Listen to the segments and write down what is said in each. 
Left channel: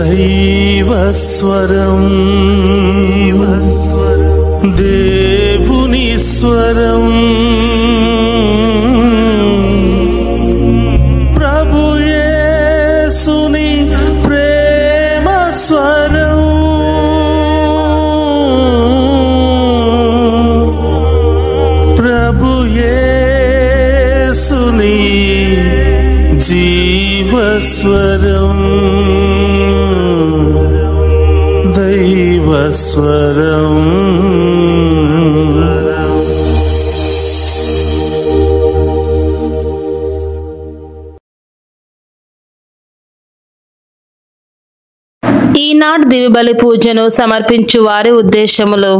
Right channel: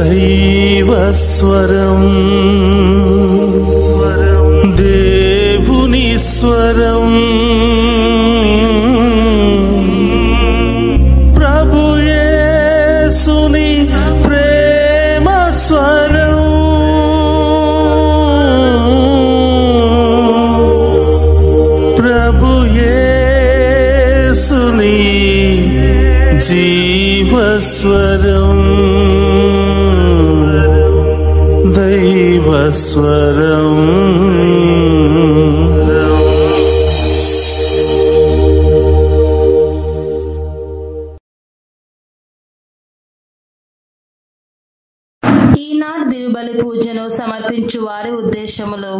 దైవస్వరం దేవుని స్వరం ప్రభు యేసుని ప్రేమ స్వరం ప్రభు యేసుని జీవస్వరం దైవస్వరం ఈనాడు దివ్యబలి పూజను సమర్పించు వారి ఉద్దేశములు:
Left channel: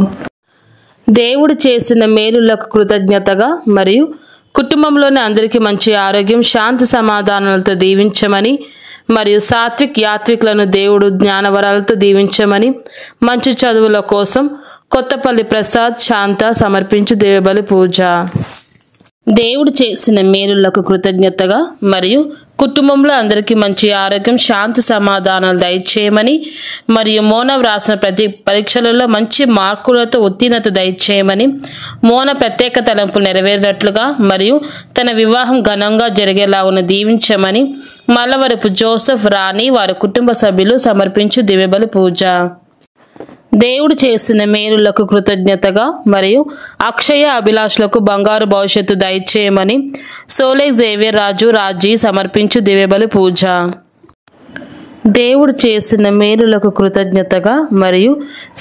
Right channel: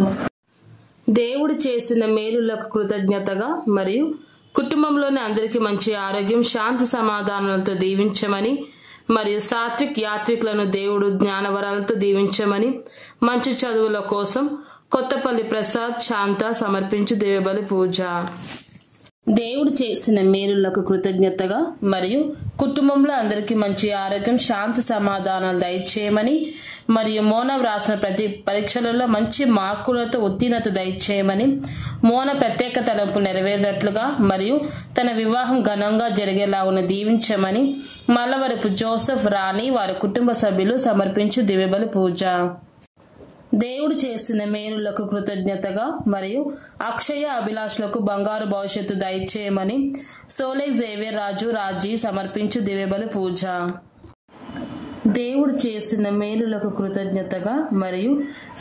దేవుడు చేసిన మేలులకు కృతజ్ఞతగా మరియు కుటుంబంలోని అందరికీ మంచి ఆరోగ్యం, శాంతి సమాధానాలతో దీవించమని మరియు సాత్విక్ యాత్రికులను దేవుడు జ్ఞానవరాలతో దీవించమని, మంచి చదువుల కోసం కొత్తపల్లి ప్రసాద్ శాంత సమర్పించు దివ్యబలి పూజ. దేవుడు చేసిన మేలులకు కృతజ్ఞతగా మరియు కుటుంబంలో అందరికీ మంచి ఆరోగ్యం, శాంతి సమాధానాలు దయచేయమని మరియు మోన వ్రాసిన ప్రతి పరీక్షలలో మంచి మార్కులతో ఉత్తీర్ణత దయచేయమని, మోన ప్రత్యేక తలంపులు నెరవేరినట్లుగా మరియు తన వివాహం ఘనంగా జరిగేలాగా దీవించమని మల్లవరపు జోసెఫ్, రాణి వారి కుటుంబ సభ్యులు సమర్పించు దివ్యబలి పూజ. దేవుడు చేసిన మేలులకు కృతజ్ఞతగా మరియు అక్షయ అభిలాషులకు బంగారు భవిష్యత్తు దయచేయమని సోలే జేవియర్ రాజు రాజీ సమర్పించు దివ్యబలి పూజ. దేవుడు చేసిన మేలులకు కృతజ్ఞతగా మరియు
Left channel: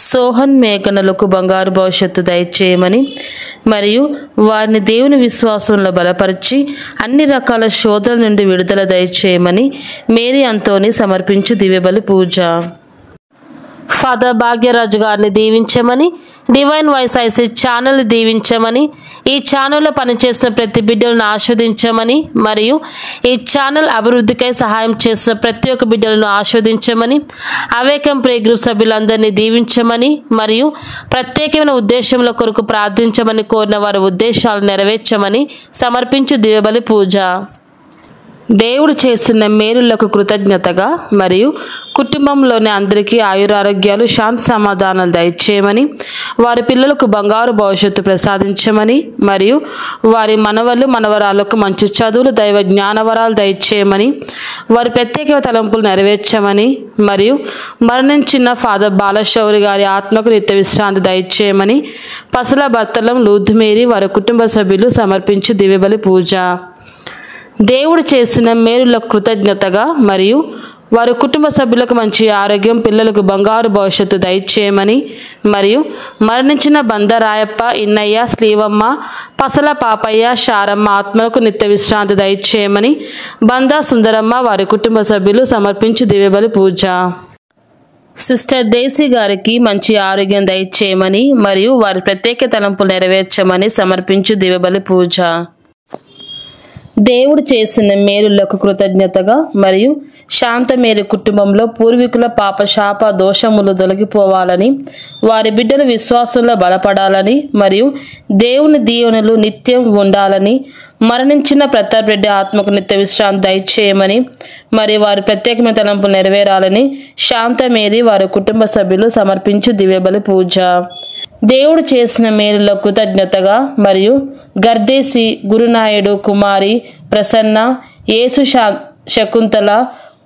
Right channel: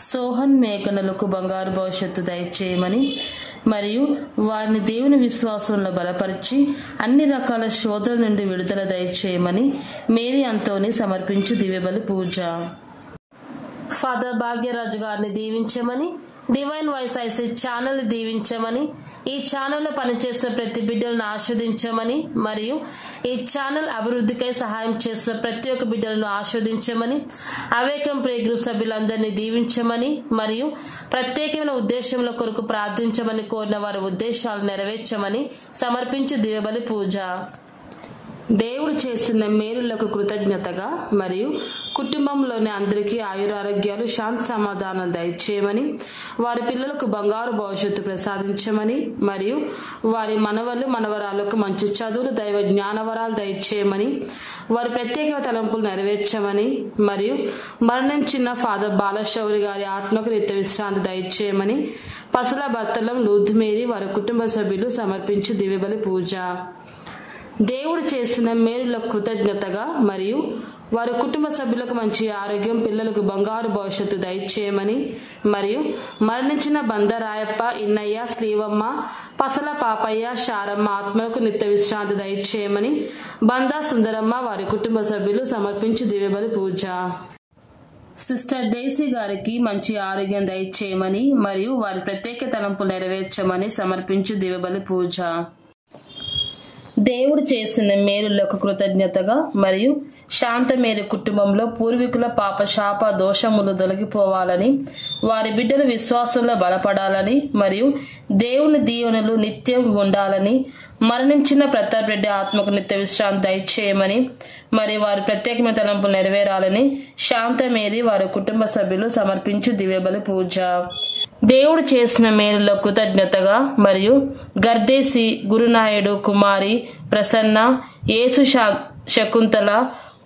సోహన్ మేఘనలకు బంగారు భవిష్యత్తు దయచేయమని మరియు వారిని దేవుని విశ్వాసంలో బలపరిచి అన్ని రకాల శోధల నుండి విడుదల దయచేయమని మేరీ అంతోని సమర్పించు దివ్యబలి పూజ. ఫాదర్ భాగ్యరాజు గారిని దీవించమని, డివైన్ వాయిస్ ఐసీ ఛానల్ని దీవించమని, ఈ ఛానల్లో పనిచేసిన ప్రతి బిడ్డలను ఆస్వాదించమని మరియు ఈ ఛానల్ అభివృద్ధికై సహాయం చేసిన ప్రతి ఒక్క బిడ్డలను ఆస్వాదించమని, అవేకం ప్రే గ్రూప్ సభ్యులందరినీ దీవించమని మరియు ప్రత్యేకమైన ఉద్దేశంలో కొరకు ప్రార్థించమని కోరిన వారి ఉద్దేశాలు నెరవేర్చమని సమర్పించు దివ్యబలి పూజ. దేవుడు చేసిన మేలులకు కృతజ్ఞతగా మరియు కుటుంబంలోని అందరికీ ఆయురారోగ్యాలు, శాంతి సమాధానాలు దయచేయమని, వారి పిల్లలకు బంగారు భవిష్యత్తు ప్రసాదించమని మరియు వారి మనవలు మనవరాలకు మంచి చదువులు, దైవ జ్ఞానవరాలు దయచేయమని, వారి ప్రత్యేక తలంపులు నెరవేర్చమని మరియు మరణించిన ఫాదర్ బాలశౌరి గారి ఆత్మకు నిత్య విశ్రాంతి దయచేయమని పసల భర్తలం లూద్మేరి వారి కుటుంబ సభ్యులు సమర్పించి దివ్యబలి పూజ. దేవుడు చేసిన మేలులకు కృతజ్ఞతగా మరియు వారి కుటుంబ సభ్యులకు మంచి ఆరోగ్యం, పిల్లలకు బంగారు భవిష్యత్తు దయచేయమని మరియు మరణించిన బందరాయప్ప, ఇన్నయ్య, శ్రీవమ్మ, పసల పాపయ్య, శారమ్మ ఆత్మలకు నిత్య విశ్రాంతి దయచేయమని బందా సుందరమ్మ వారి కుటుంబ సభ్యులు సమర్పించి దివ్యబలి పూజ. సిస్టర్ డేసీ గారికి మంచి ఆరోగ్యం దయచేయమని మరియు వారి ప్రత్యేక తలంపులు నెరవేర్చమని సమర్పించు దివ్యబలి పూజ. దేవుడు చేసిన మేలులకు కృతజ్ఞతగా మరియు శాంతమేరి కుటుంబంలో పూర్వీకుల పాప శాప దోషములు తొలగిపోవాలని, వారి బిడ్డల విశ్వాసంలో బలపడాలని మరియు దేవుని దీవెనలు నిత్యం ఉండాలని, మరణించిన ప్రతాప్ రెడ్డి ఆత్మకు నిత్య విశ్రాంతి దయచేయమని మరియు వారి ప్రత్యేకమైన తలంపులు నెరవేరాలని శాంతమేరి వారి కుటుంబ సభ్యులు సమర్పించు దివ్యబలి పూజ. దేవుడు చేసిన మేలులకు కృతజ్ఞతగా మరియు గర్దేసి, గురునాయుడు, కుమారి ప్రసన్న, యేసు శకుంతల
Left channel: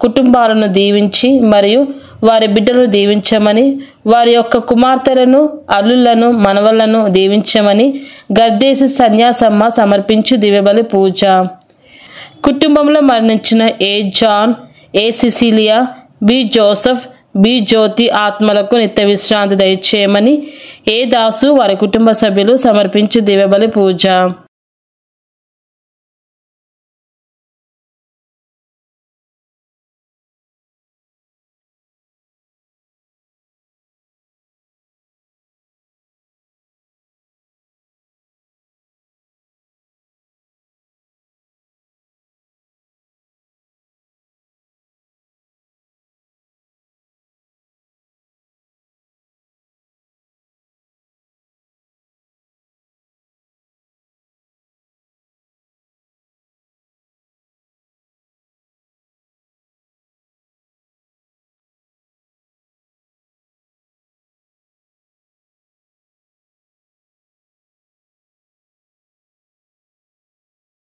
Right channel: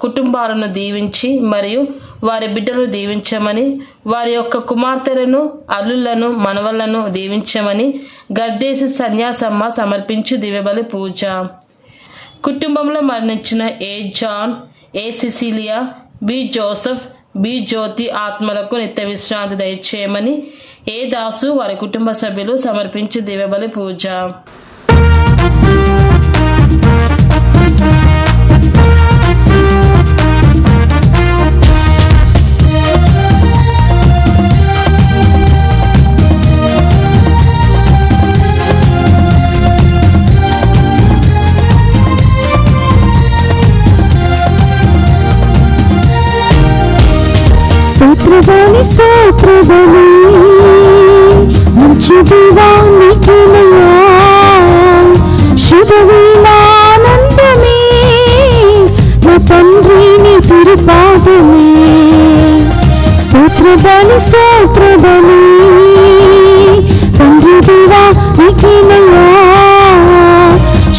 కుటుంబాలను దీవించి మరియు వారి బిడ్డలను దీవించమని, వారి యొక్క కుమార్తెలను, అల్లులను, మనవళ్లను దీవించమని గర్దేసి సన్యాసమ్మ సమర్పించి దివ్యబలి పూజ. కుటుంబంలో మరణించిన ఏ జాన్, ఏ సిసిలియా, బి జోసెఫ్, బి జ్యోతి ఆత్మలకు నిత్య విశ్రాంతి దయచేయమని ఏ దాసు వారి కుటుంబ సభ్యులు సమర్పించి దివ్యబలి పూజ. స్తోత్రబలి స్తోత్రబలి మంచి దీవానికినయా, శుభవేళానందమే నా తండ్రి నీ తిరుపాదమే. బలి స్తోత్ర బలి తండ్రి దేవా నీకేనయ్యా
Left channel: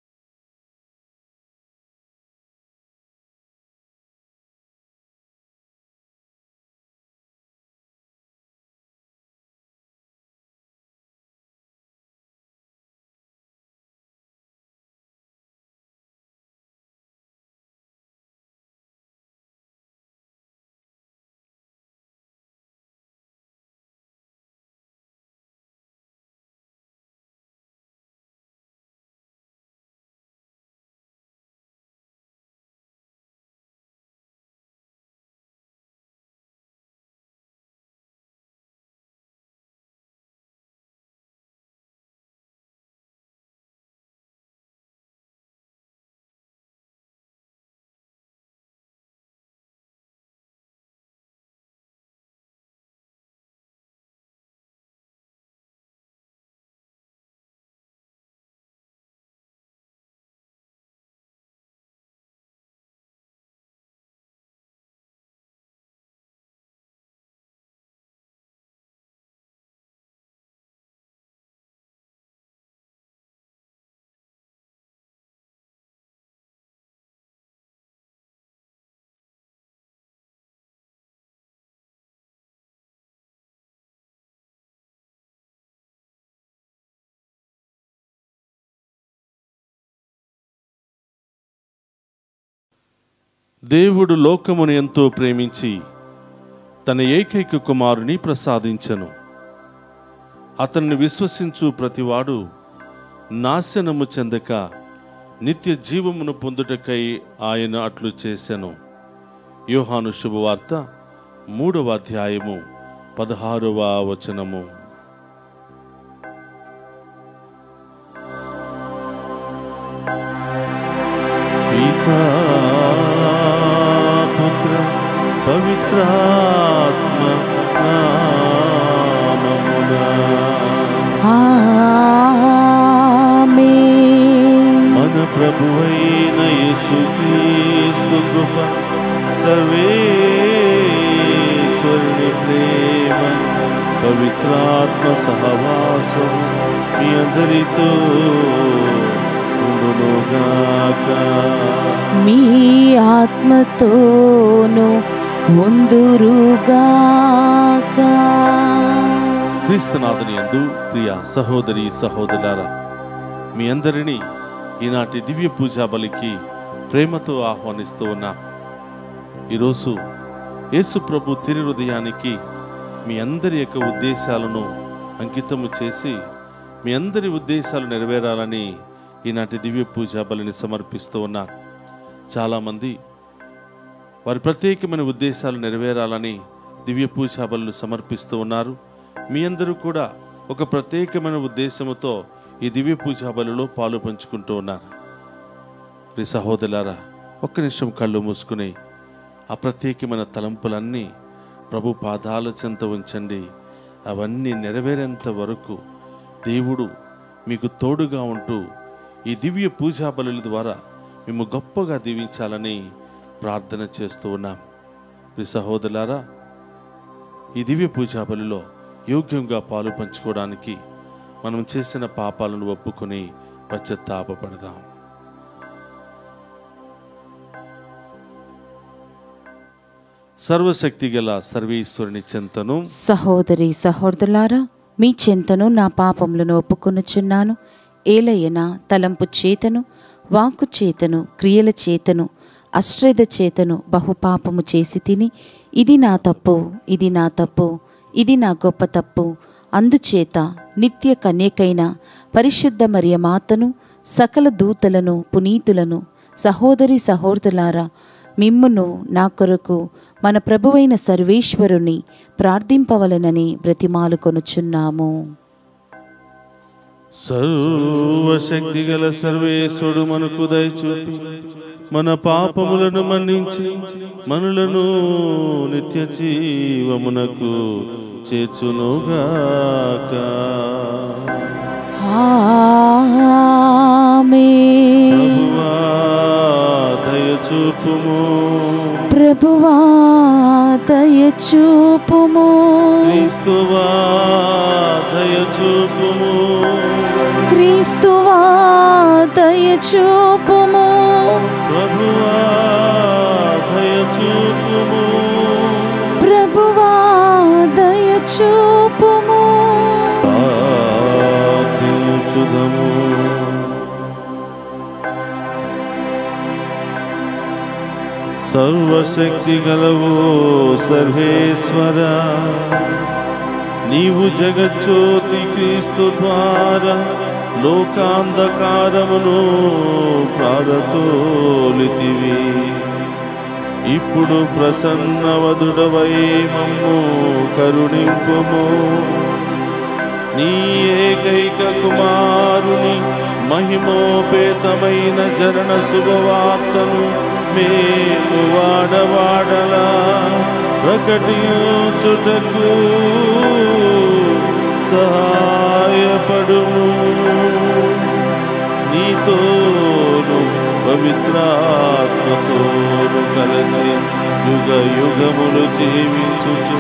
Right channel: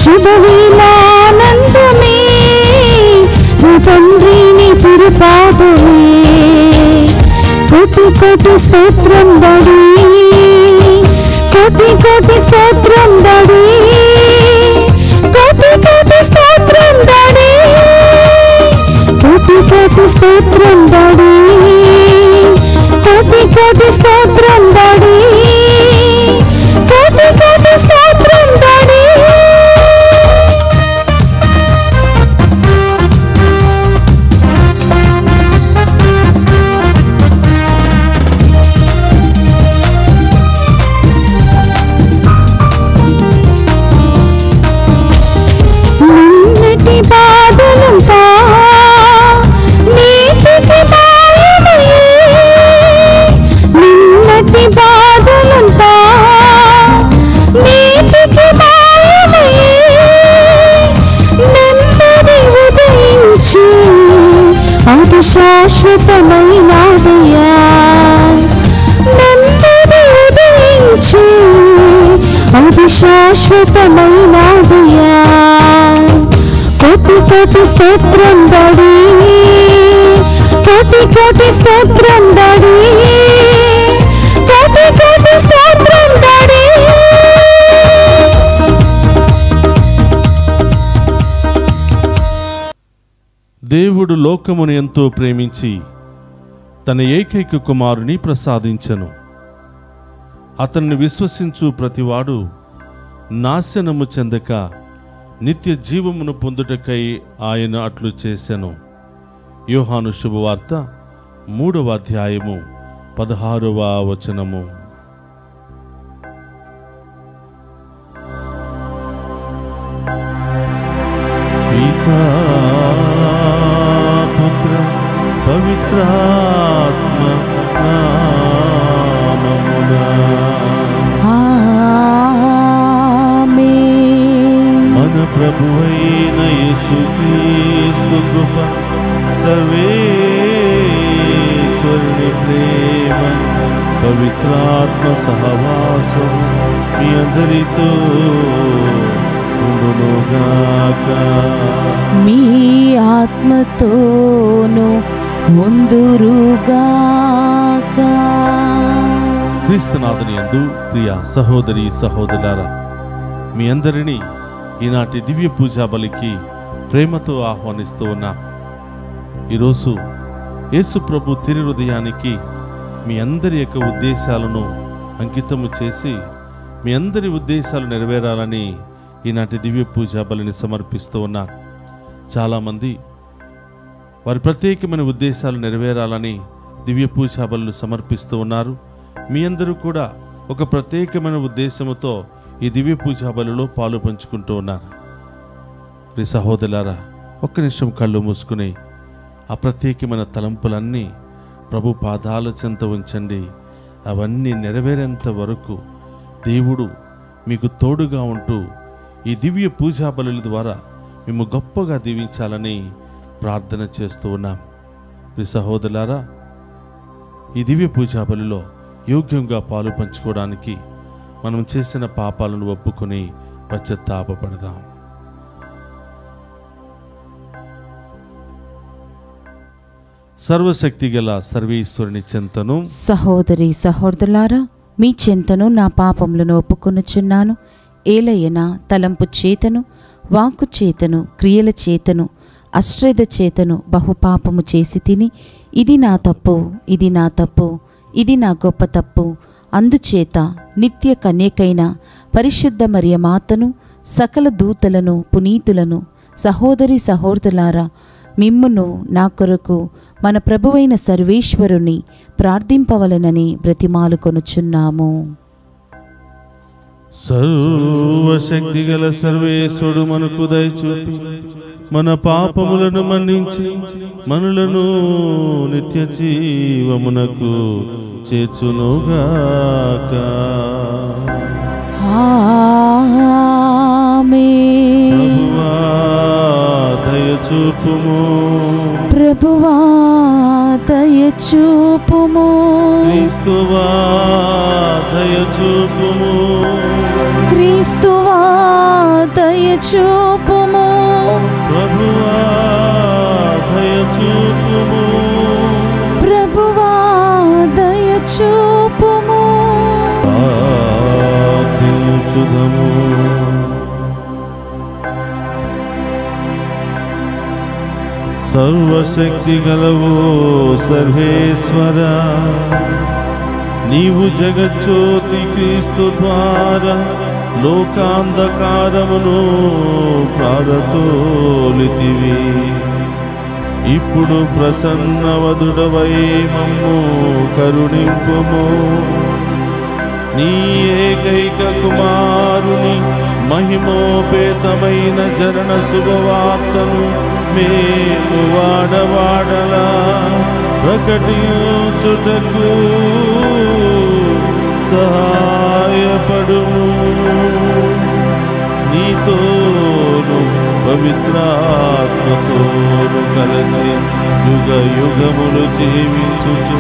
శుభవేళానందమే నా తండ్రి నీ తిరుపాదమే కోటి కోటి స్తోత్రం బడి కోటి కోటి స్తోత్రం బడి కోటి కోటి స్తోత్రం బడి కోటి కోటి స్తోత్రం బడి కోటి కోటి స్తోత్రం బడి కోటి కోటి స్తోత్రం బడి నిన్నటి బాధలంతా నీటికి మాయమయ్యే నిన్నటి బాధలంతా నీటికి మాయమయ్యే నెమ్మది ఉదయించి అది శాశ్వతమైనదయ్యా నెమ్మది ఉదయించి అది శాశ్వతమైనదయ్యా కోటి కోటి స్తోత్రం బడి కోటి కోటి స్తోత్రం బడి కోటి కోటి స్తోత్రం బడి దేవుడు లోకమును ఎంతో ప్రేమించి తన ఏకైక కుమారుని ప్రసాదించెను. అతన్ని విశ్వసించు ప్రతివాడు నాశనము చెందక నిత్య జీవమును పొందుటకై ఆయన అట్లు చేసెను. యోహాను శుభవార్త 3వ అధ్యాయము 16వ వచనము. పితా పుత్ర పవిత్రాత్మ నామమునా మన ప్రభువైన యేసుక్రీస్తు కృప సర్వేశ్వరుని ప్రేమ పవిత్రాత్మ సహవాసం మీ అందరితో ఉండునుగాక. మీ ఆత్మతోను ఉందురుగాక. క్రీస్తునాథుని యందు ప్రియ సహోదరి సహోదరులారా, మీ అందరినీ ఈనాటి దివ్య పూజా బలికి ప్రేమతో ఆహ్వానిస్తూ ఉన్నా. ఈరోజు యేసు ప్రభు తిరు హృదయానికి మీ అందరి యొక్క ఉద్దేశాలను అంకితము చేసి మీ అందరి ఉద్దేశాలు నెరవేరాలని ఈనాటి దివ్య పూజా బలిని సమర్పిస్తూ ఉన్నారు. చాలామంది వారి ప్రత్యేకమైన ఉద్దేశాలు నెరవేరాలని దివ్య పూజా బలులు సమర్పిస్తూ ఉన్నారు. మీ అందరూ కూడా ఒక ప్రత్యేకమైన ఉద్దేశముతో ఈ దివ్య పూజా బలిలో పాలు పంచుకుంటూ ఉన్నారు. మీ సహోదరులారా, ఒక్క నిమిషం కళ్ళు మూసుకుని ఆ ప్రత్యేకమైన తలంపులన్నీ ప్రభు పాదాల చెంత ఉంచండి. అవన్నీ నెరవేరేంత వరకు దేవుడు మీకు తోడుగా ఉంటూ ఈ దివ్య పూజా బలుల ద్వారా మేము గొప్పగా దీవించాలని ప్రార్థన చేస్తూ ఉన్నాం. మీ సహోదరులారా, ఈ దివ్య పూజా బలిలో యోగ్యంగా పాలు పంచుకోవడానికి మనం చేసిన పాపాలను ఒప్పుకొని పశ్చాత్తాపపడదాం. సర్వశక్తి గల సర్వేశ్వరుని చెంతను సహోదరి సహోదరులారా, మీ చెంతను నా పాపములను ఒప్పుకొనుచున్నాను. ఏలయన తలంపు చేతను, వాక్కు చేతను, క్రియల చేతను, అశ్రద్ధ చేతను బహుపాపము చేసి తిని, ఇది నా తప్పు, ఇది నా తప్పు, ఇది నా గొప్ప తప్పు. అందుచేత నిత్య కన్యకైన పరిశుద్ధ మరియమాతను, సకల దూతలను, పునీతులను, సహోదరి సహోదరులారా, మిమ్మును నా కొరకు మన ప్రభువైన సర్వేశ్వరుని ప్రార్థింపవలెనని బ్రతిమాలుకొనుచున్నాము. సర్వశక్తి గల సర్వేశ్వరుడు మనకు దయచూపి మన పాపములను మన్నించి మనలను నిత్య జీవమునకు చేర్చునుగాక. ఆమేన్. ప్రభువా దయ దయచూపుము. ప్రభువా దయచూపుము. క్రీస్తువా దయచూపుము. క్రీస్తువా దయచూపుము. ప్రభువా దయచూపుము. ప్రభువా దయచూపుము. ప్రార్థించుదము. సర్వశక్తి గలవు సర్వేశ్వర, నీవు జగజ్యోతి క్రీస్తు ద్వారా లోకాంధకారమును ప్రారతోలితివి. ఇప్పుడు ప్రసన్నవదుడవై మమ్ము కరుణింపుము. నీ ఏకైక కుమారుని మహిమోపేతమైన జరణ శుభవార్తను మేము వాడవాడలా ప్రకటించుటకు సహాయపడుము. నీతోను పవిత్రాత్మతోను కలిసి యుగ యుగములు జీవించుచు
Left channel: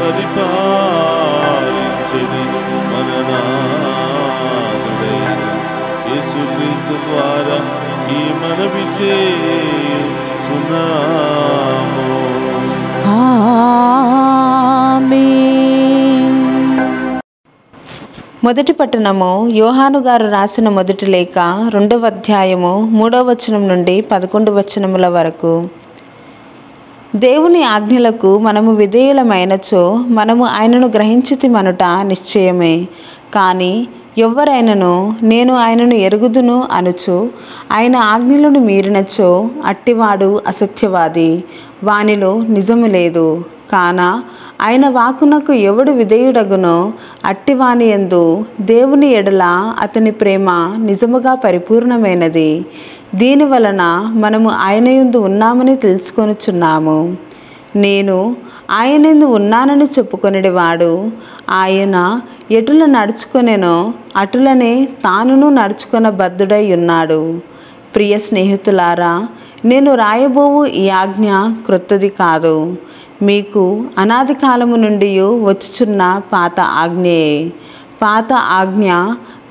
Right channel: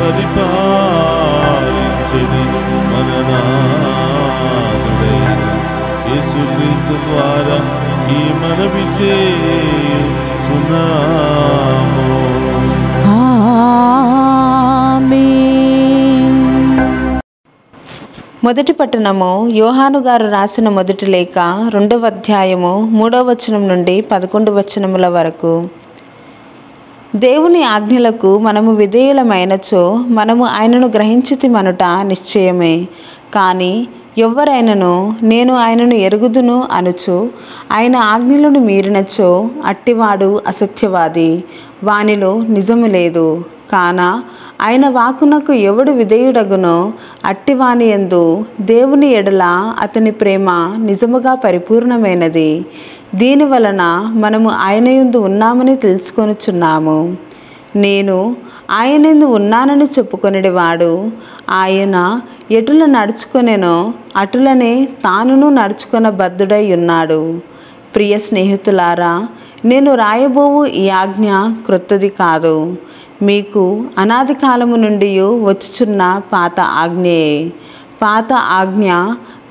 పరిపాలించుని మన నాథుడైన యేసుక్రీస్తు ద్వారా ఈ మనవి చేయుచున్నాము. ఆమేన్. మొదటి పట్టణము యోహాను గారు రాసిన మొదటి లేఖ 2వ అధ్యాయము 3వ వచనం నుండి 11వ వచనముల వరకు. దేవుని ఆజ్ఞలకు మనము విధేయులమైనచో మనము ఆయనను గ్రహించితిమనుట నిశ్చయమే. కానీ ఎవ్వరైనను నేను ఆయనను ఎరుగుదును అనుచు ఆయన ఆజ్ఞలను మీరినచో అట్టివాడు అసత్యవాది, వానిలో నిజము లేదు. కాన ఆయన వాక్కునకు ఎవడు విధేయుడగునో అట్టివాని యందు దేవుని ఎడల అతని ప్రేమ నిజముగా పరిపూర్ణమైనది. దీని వలన మనము ఆయన యందు ఉన్నామని తెలుసుకొనుచున్నాము. నేను ఆయన యందు ఉన్నానని చెప్పుకొనివాడు ఆయన ఎటుల నడుచుకొనెనో అటులనే తానును నడుచుకొన బద్ధుడై ఉన్నాడు. ప్రియ స్నేహితులారా, నేను రాయబోవు ఈ ఆజ్ఞ క్రొత్తది కాదు, మీకు అనాది కాలము నుండి వచ్చుచున్న పాత ఆజ్ఞయే. పాత ఆజ్ఞ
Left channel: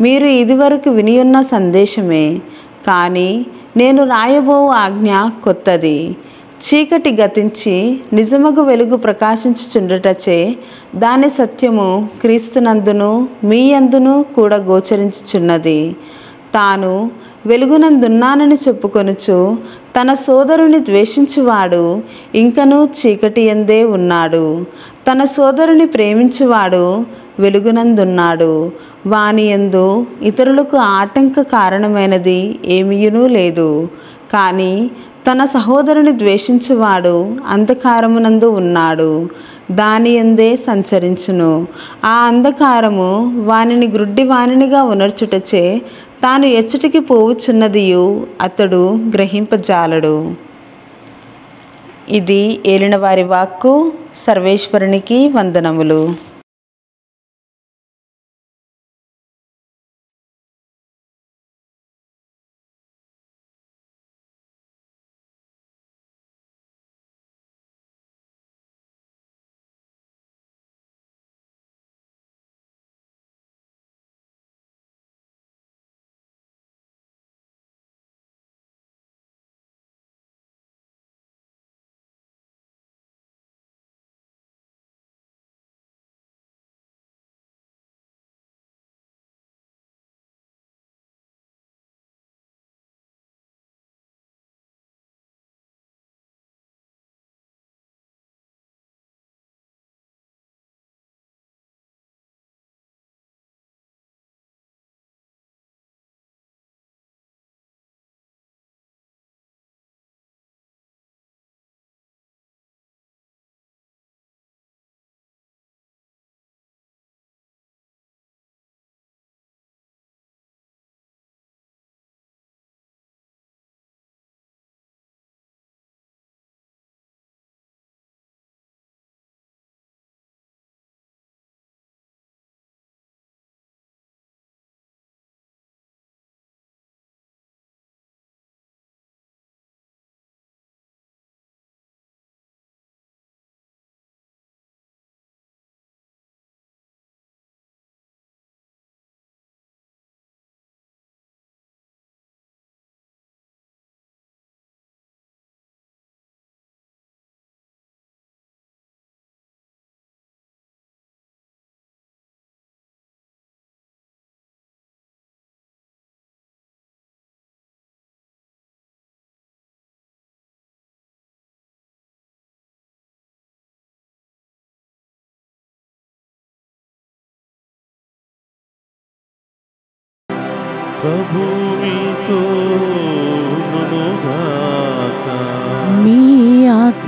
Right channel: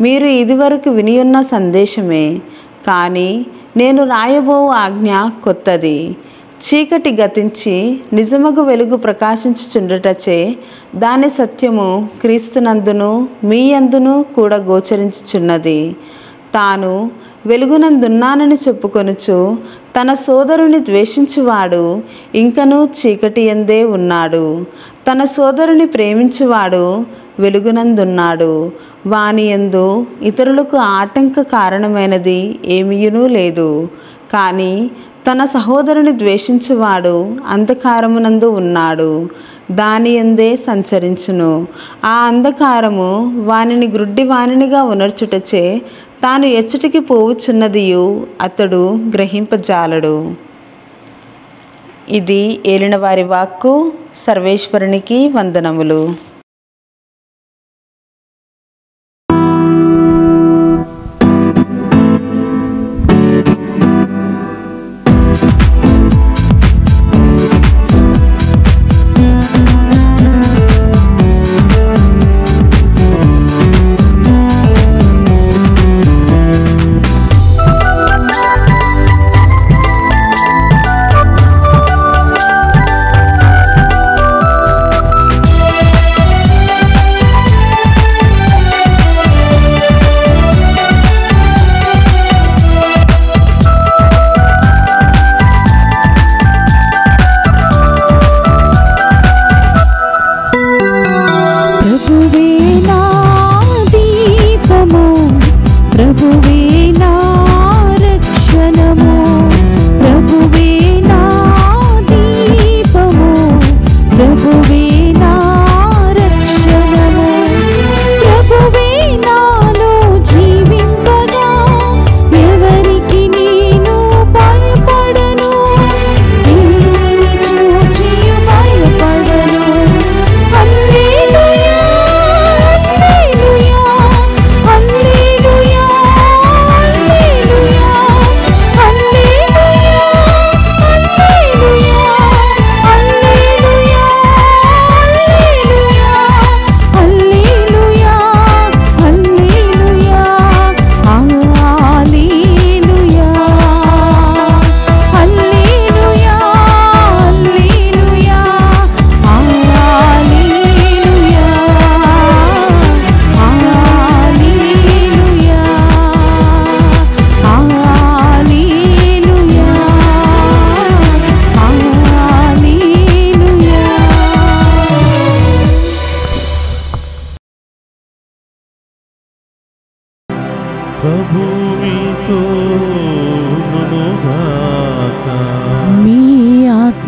మీరు ఇదివరకు వినియున్న సందేశమే. కానీ నేను రాయబోవు ఆజ్ఞ కొత్తది. చీకటి గతించి నిజమగు వెలుగు ప్రకాశించుచుండుటచే దాని సత్యము క్రీస్తునందును మీ యందును కూడా గోచరించుచున్నది. తాను వెలుగునందున్నానని చెప్పుకొనుచు తన సోదరుని ద్వేషించువాడు ఇంకనూ చీకటి యందే ఉన్నాడు. తన సోదరుని ప్రేమించువాడు వెలుగునందున్నాడు. వాని యందు ఇతరులకు ఆటంక కారణమైనది ఏమీయునూ లేదు. కానీ తన సహోదరుని ద్వేషించువాడు అంధకారమునందు ఉన్నాడు, దాని యందే సంచరించును. ఆ అంధకారము వానిని గ్రుడ్డి వానినిగా ఉనర్చుటచే తాను ఎచ్చటికి పోవుచున్నదియు అతడు గ్రహింపజాలడు. ఇది ఏలినవారి వాక్కు. సర్వేశ్వరునికి వందనములు.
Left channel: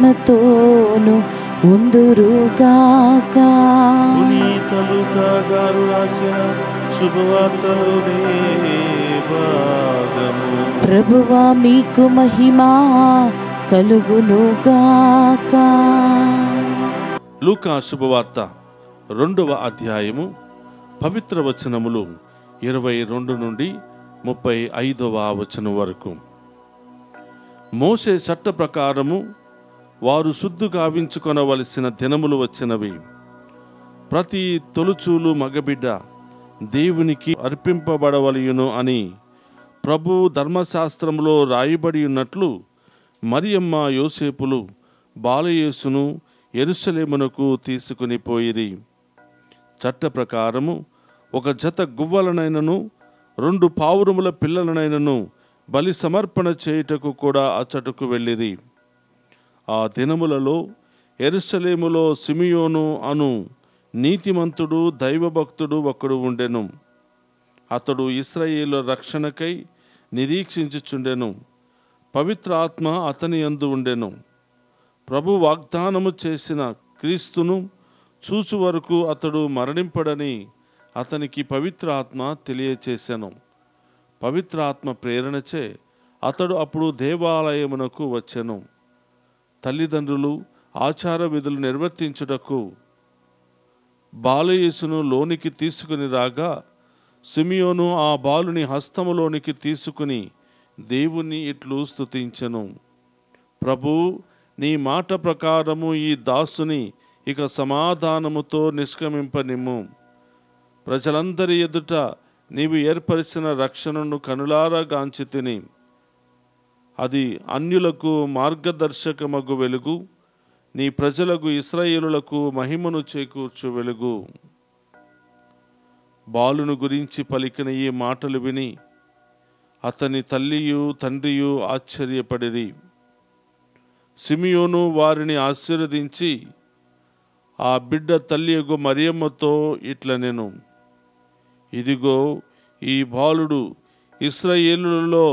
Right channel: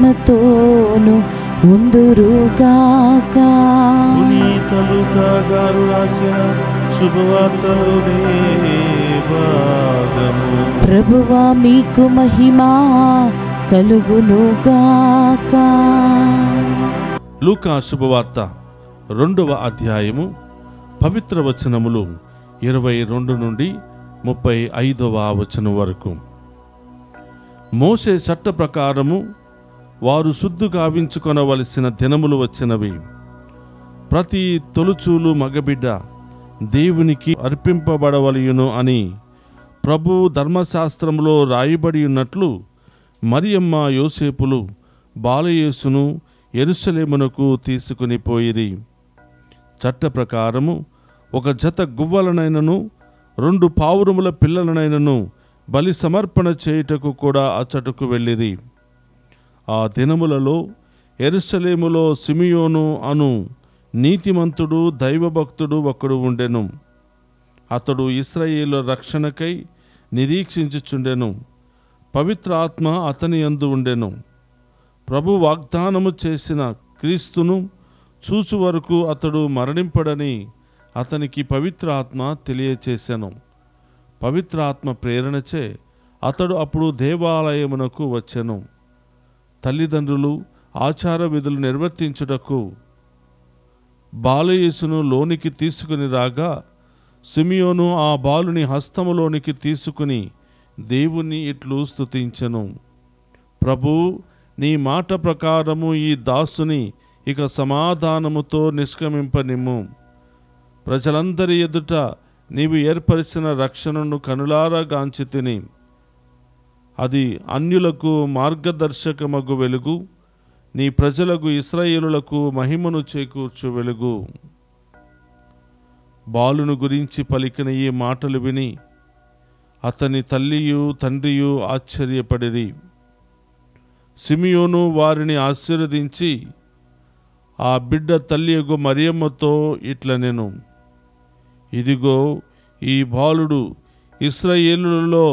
ఆత్మతోను ఉందురుగాక. పునీత లూకా గారు రాసిన శుభవార్తలోనే భాగము. ప్రభువా మీకు మహిమా కలుగునుగాక. లూకా శుభవార్త 2వ అధ్యాయము పవిత్ర వచనములు 22 నుండి 35వ వచనం వరకు. మోషే చట్ట ప్రకారము వారు శుద్ధి గావించుకొనవలసిన దినములు వచ్చినవి. ప్రతి తొలుచూలు మగబిడ్డ దేవునికి అర్పింపబడవలయును అని ప్రభు ధర్మశాస్త్రములో రాయబడి ఉన్నట్లు మరియమ్మ యోసేపులు బాలయేసును యెరూషలేమునకు తీసుకుని పోయిరి. చట్ట ప్రకారము ఒక జత గువ్వలనైనను 2 పావురముల పిల్లలనైనను బలి సమర్పణ చేయుటకు కూడా అచ్చటకు వెళ్ళిరి. ఆ దినములలో యెరూషలేములో సిమియోను అను నీతిమంతుడు దైవభక్తుడు ఒకడు ఉండెను. అతడు ఇశ్రాయేలు రక్షణకై నిరీక్షించుచుండెను. పవిత్ర ఆత్మ అతని యందు ఉండెను. ప్రభు వాగ్దానము చేసిన క్రీస్తును చూచు వరకు అతడు మరణింపడని అతనికి పవిత్ర ఆత్మ తెలియచేసెను. పవిత్ర ఆత్మ ప్రేరణచే అతడు అప్పుడు దేవాలయమునకు వచ్చెను. తల్లిదండ్రులు ఆచార విధులు నిర్వర్తించుటకు బాలయేసును లోనికి తీసుకుని రాగా సిమియోను ఆ బాలుని హస్తములోనికి తీసుకుని దేవుని ఇట్లు స్తుతించెను. ప్రభు, నీ మాట ప్రకారము ఈ దాసుని ఇక సమాధానముతో నిష్క్రమింపనిమ్ము. ప్రజలందరి ఎదుట నీవు ఏర్పరిచిన రక్షణను కనులారా గాంచి తిని, అది అన్యులకు మార్గదర్శకమగు వెలుగు, నీ ప్రజలకు ఇశ్రాయేలులకు మహిమను చేకూర్చు వెలుగు. బాలును గురించి పలికిన ఈ మాటలు విని అతని తల్లియు తండ్రియు ఆశ్చర్యపడిరి. సిమియోను వారిని ఆశీర్వదించి ఆ బిడ్డ తల్లియగు మరియమ్మతో ఇట్లనెను, ఇదిగో ఈ బాలుడు ఇశ్రాయేలులలో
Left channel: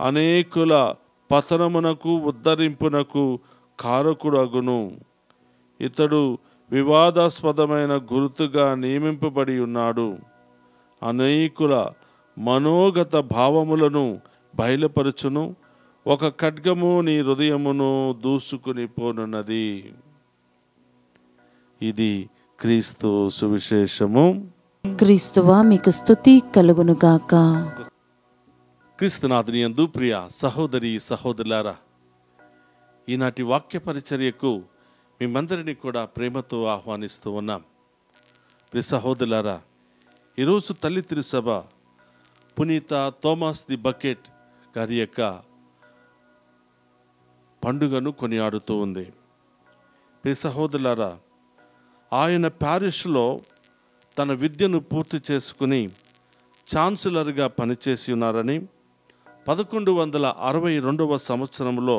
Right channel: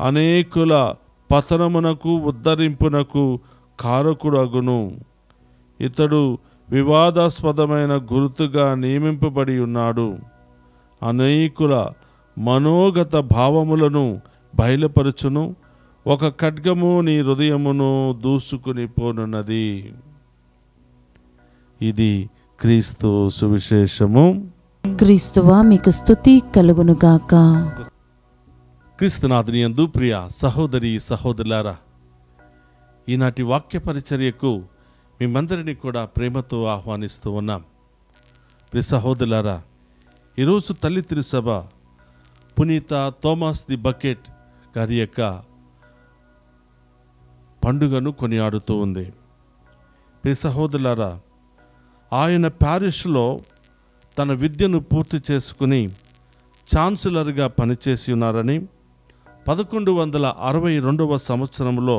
అనేకుల పతనమునకు ఉద్ధరింపునకు కారకుడగును. ఇతడు వివాదాస్పదమైన గుర్తుగా నియమింపబడి ఉన్నాడు. అనేకుల మనోగత భావములను బయలుపరచును. ఒక ఖడ్గము నీ హృదయమును దూసుకుని పోనున్నది. ఇది క్రీస్తు సువిశేషము. క్రీస్తువా మీకు స్తుతి కలుగునుగాక. క్రీస్తునాథుని యందు ప్రియ సహోదరి సహోదరులారా, ఈనాటి వాక్య పరిచర్యకు మేమందరినీ కూడా ప్రేమతో ఆహ్వానిస్తూ ఉన్నాం. ప్రియ సహోదరులారా, ఈరోజు తల్లి తిరుసభ పునీత థోమస్ ది బకెట్ గారి యొక్క పండుగను కొనియాడుతూ ఉంది. ప్రియ సహోదరులారా, ఆయన ప్యారిష్లో తన విద్యను పూర్తి చేసుకుని ఛాన్సలర్గా పనిచేసి ఉన్నారని 1162వ సంవత్సరంలో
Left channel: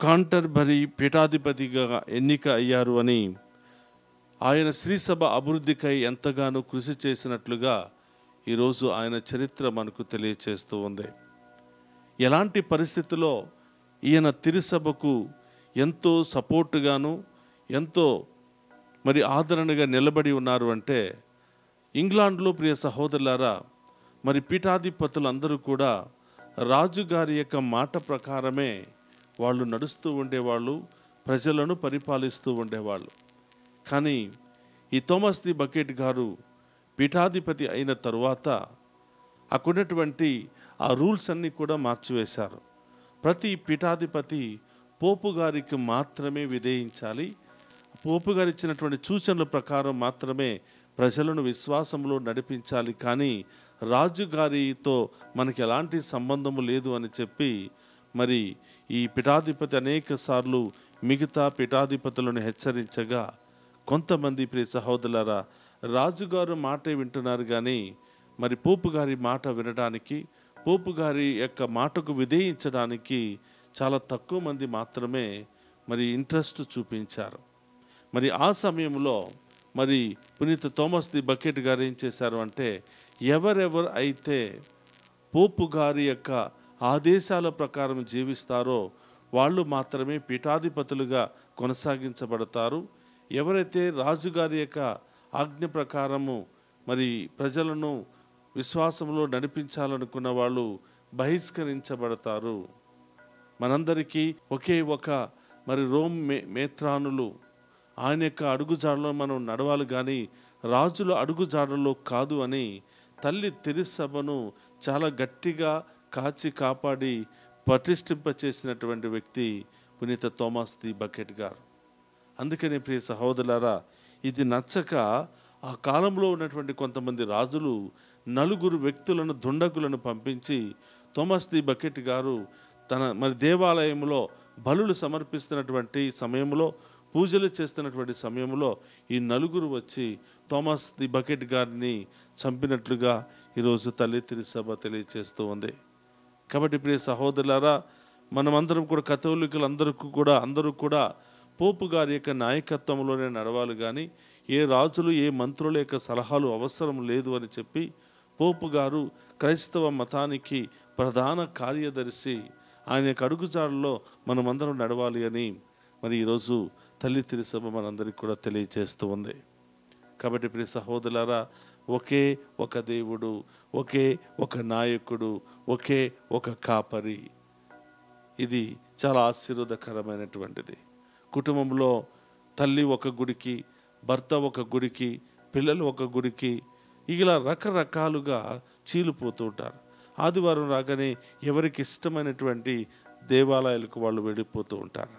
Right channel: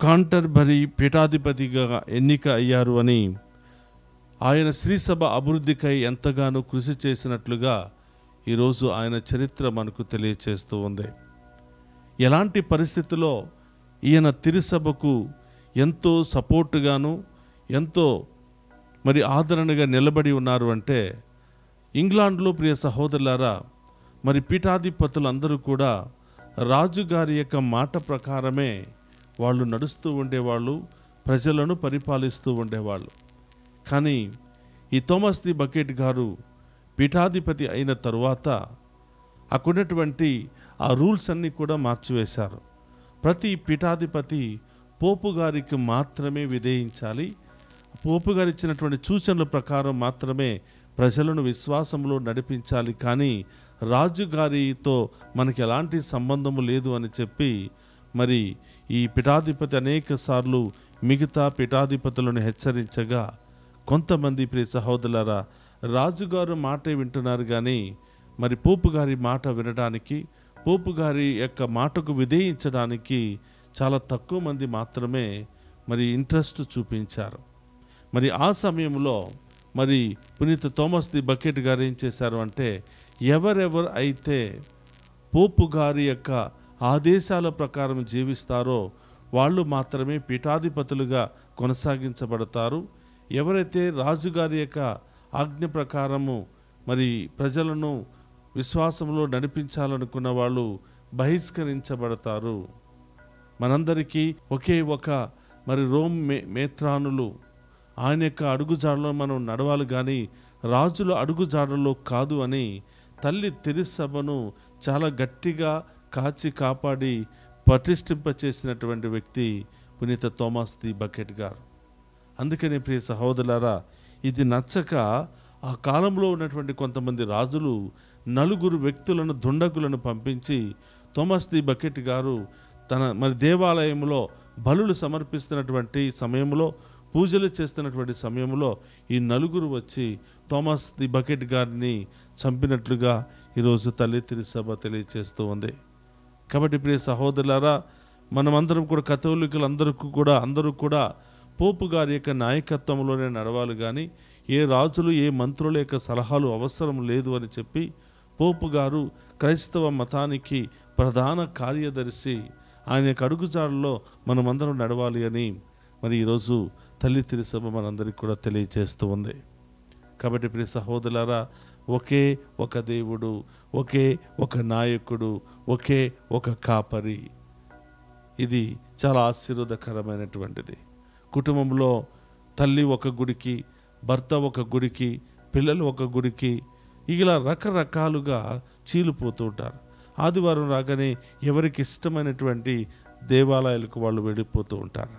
కాంటర్బరీ పీఠాధిపతిగా ఎన్నిక అయ్యారు అని, ఆయన శ్రీసభ అభివృద్ధికై ఎంతగానో కృషి చేసినట్లుగా ఈరోజు ఆయన చరిత్ర మనకు తెలియచేస్తూ ఉంది. ఎలాంటి పరిస్థితుల్లో ఈయన తిరుసభకు ఎంతో సపోర్టుగాను ఎంతో ఆదరణగా నిలబడి ఉన్నారు అంటే, ఇంగ్లాండ్లో ప్రియ సహోదరులారా, పీఠాధిపతులందరూ కూడా రాజుగారి యొక్క మాట ప్రకారమే వాళ్ళు నడుస్తూ ఉండేవాళ్ళు, ప్రజలను పరిపాలిస్తూ ఉండేవాళ్ళు. కానీ ఈ థోమస్ ది బకెట్ గారు పీఠాధిపతి అయిన తరువాత అక్కడున్నటువంటి ఆ రూల్స్ అన్నీ కూడా మార్చివేశారు. ప్రతి పీఠాధిపతి పోపు గారికి మాత్రమే విధేయించాలి. పోపు గారు ఇచ్చినటువంటి సూచనల ప్రకారం మాత్రమే ప్రజలను విశ్వాసంలో నడిపించాలి. కానీ రాజుగారితో మనకి ఎలాంటి సంబంధము లేదు అని చెప్పి ఈ పీఠాధిపతి అనేక సార్లు మిగతా పీఠాధిపతులను హెచ్చరించగా, కొంతమంది ప్రియ సహోదరులారా రాజుగారు మాటే వింటున్నారు కానీ పోపు గారి మాట వినడానికి, పోపు గారి యొక్క మాటకు విధేయించడానికి చాలా తక్కువ మంది మాత్రమే ఇంట్రెస్ట్ చూపించారు. ఆ సమయంలో పునీత థోమస్ ది బకెట్ గారు ఏం చేశారు అంటే, ఎవరెవరు అయితే పోపు గారి యొక్క ఆదేశాల ప్రకారం జీవిస్తారో వాళ్ళు మాత్రమే పీఠాధిపతులుగా కొనసాగించబడతారు. ఎవరైతే రాజుగారి యొక్క ఆజ్ఞ ప్రకారము మరి ప్రజలను విశ్వాసంలో నడిపించాలనుకున్న వాళ్ళు బహిష్కరించబడతారు. మనందరికీ ఒకే ఒక మరి రోమ్ మేత్రానులు ఆయన యొక్క అడుగుజాడలో మనం నడవాలి, కానీ రాజుల అడుగుజాడలో కాదు అని తల్లి తిరుసభను చాలా గట్టిగా కాచి కాపాడి పటిష్ఠింపచేసినటువంటి వ్యక్తి పునీత థోమస్ ది బకెట్ గారు. అందుకని ప్రియ సహోదరులారా, ఇది నచ్చక ఆ కాలంలో ఉన్నటువంటి కొంతమంది రాజులు 4 వ్యక్తులను దుండగులను పంపించి థోమస్ ది బకెట్ గారు తన మరి దేవాలయంలో బలులు సమర్పిస్తున్నటువంటి సమయంలో, పూజలు చేస్తున్నటువంటి సమయంలో ఈ 4 వచ్చి థోమస్ ది బకెట్ గారిని చంపినట్లుగా ఈరోజు తల్లి తిరుసభ తెలియచేస్తూ ఉంది. కాబట్టి ప్రియ సహోదరులారా, మనమందరం కూడా అందరూ కూడా పోపు గారి యొక్క నాయకత్వంలోనే నడవాలి, కానీ ఏ రాజులు ఏ మంత్రుల యొక్క సలహాలు అవసరం లేదు అని చెప్పి పోపు గారు క్రైస్తవ మతానికి ప్రధాన కార్యదర్శి, ఆయన యొక్క అడుగుజాడల్లో మనమందరం నడవాలి అని మరి ఈరోజు తల్లి తిరుసభ మనందరికీ కూడా తెలియజేస్తూ ఉంది. కాబట్టి ప్రియ సహోదరులారా, ఒకే ఒక దేవుడు, ఒకే ఒక నాయకుడు, ఒకే ఒక కాపరి, ఇది చాలా ఆశీర్వాదకరమైనటువంటిది. కుటుంబంలో తల్లి ఒక గుడికి, భర్త ఒక గుడికి, పిల్లలు ఒక గుడికి, ఇలా రకరకాలుగా చీలిపోతూ ఉంటారు. ఆదివారం రాగానే ఎవరికి ఇష్టమైనటువంటి దేవాలయాలకు వాళ్ళు వెళ్ళిపోతూ ఉంటారు.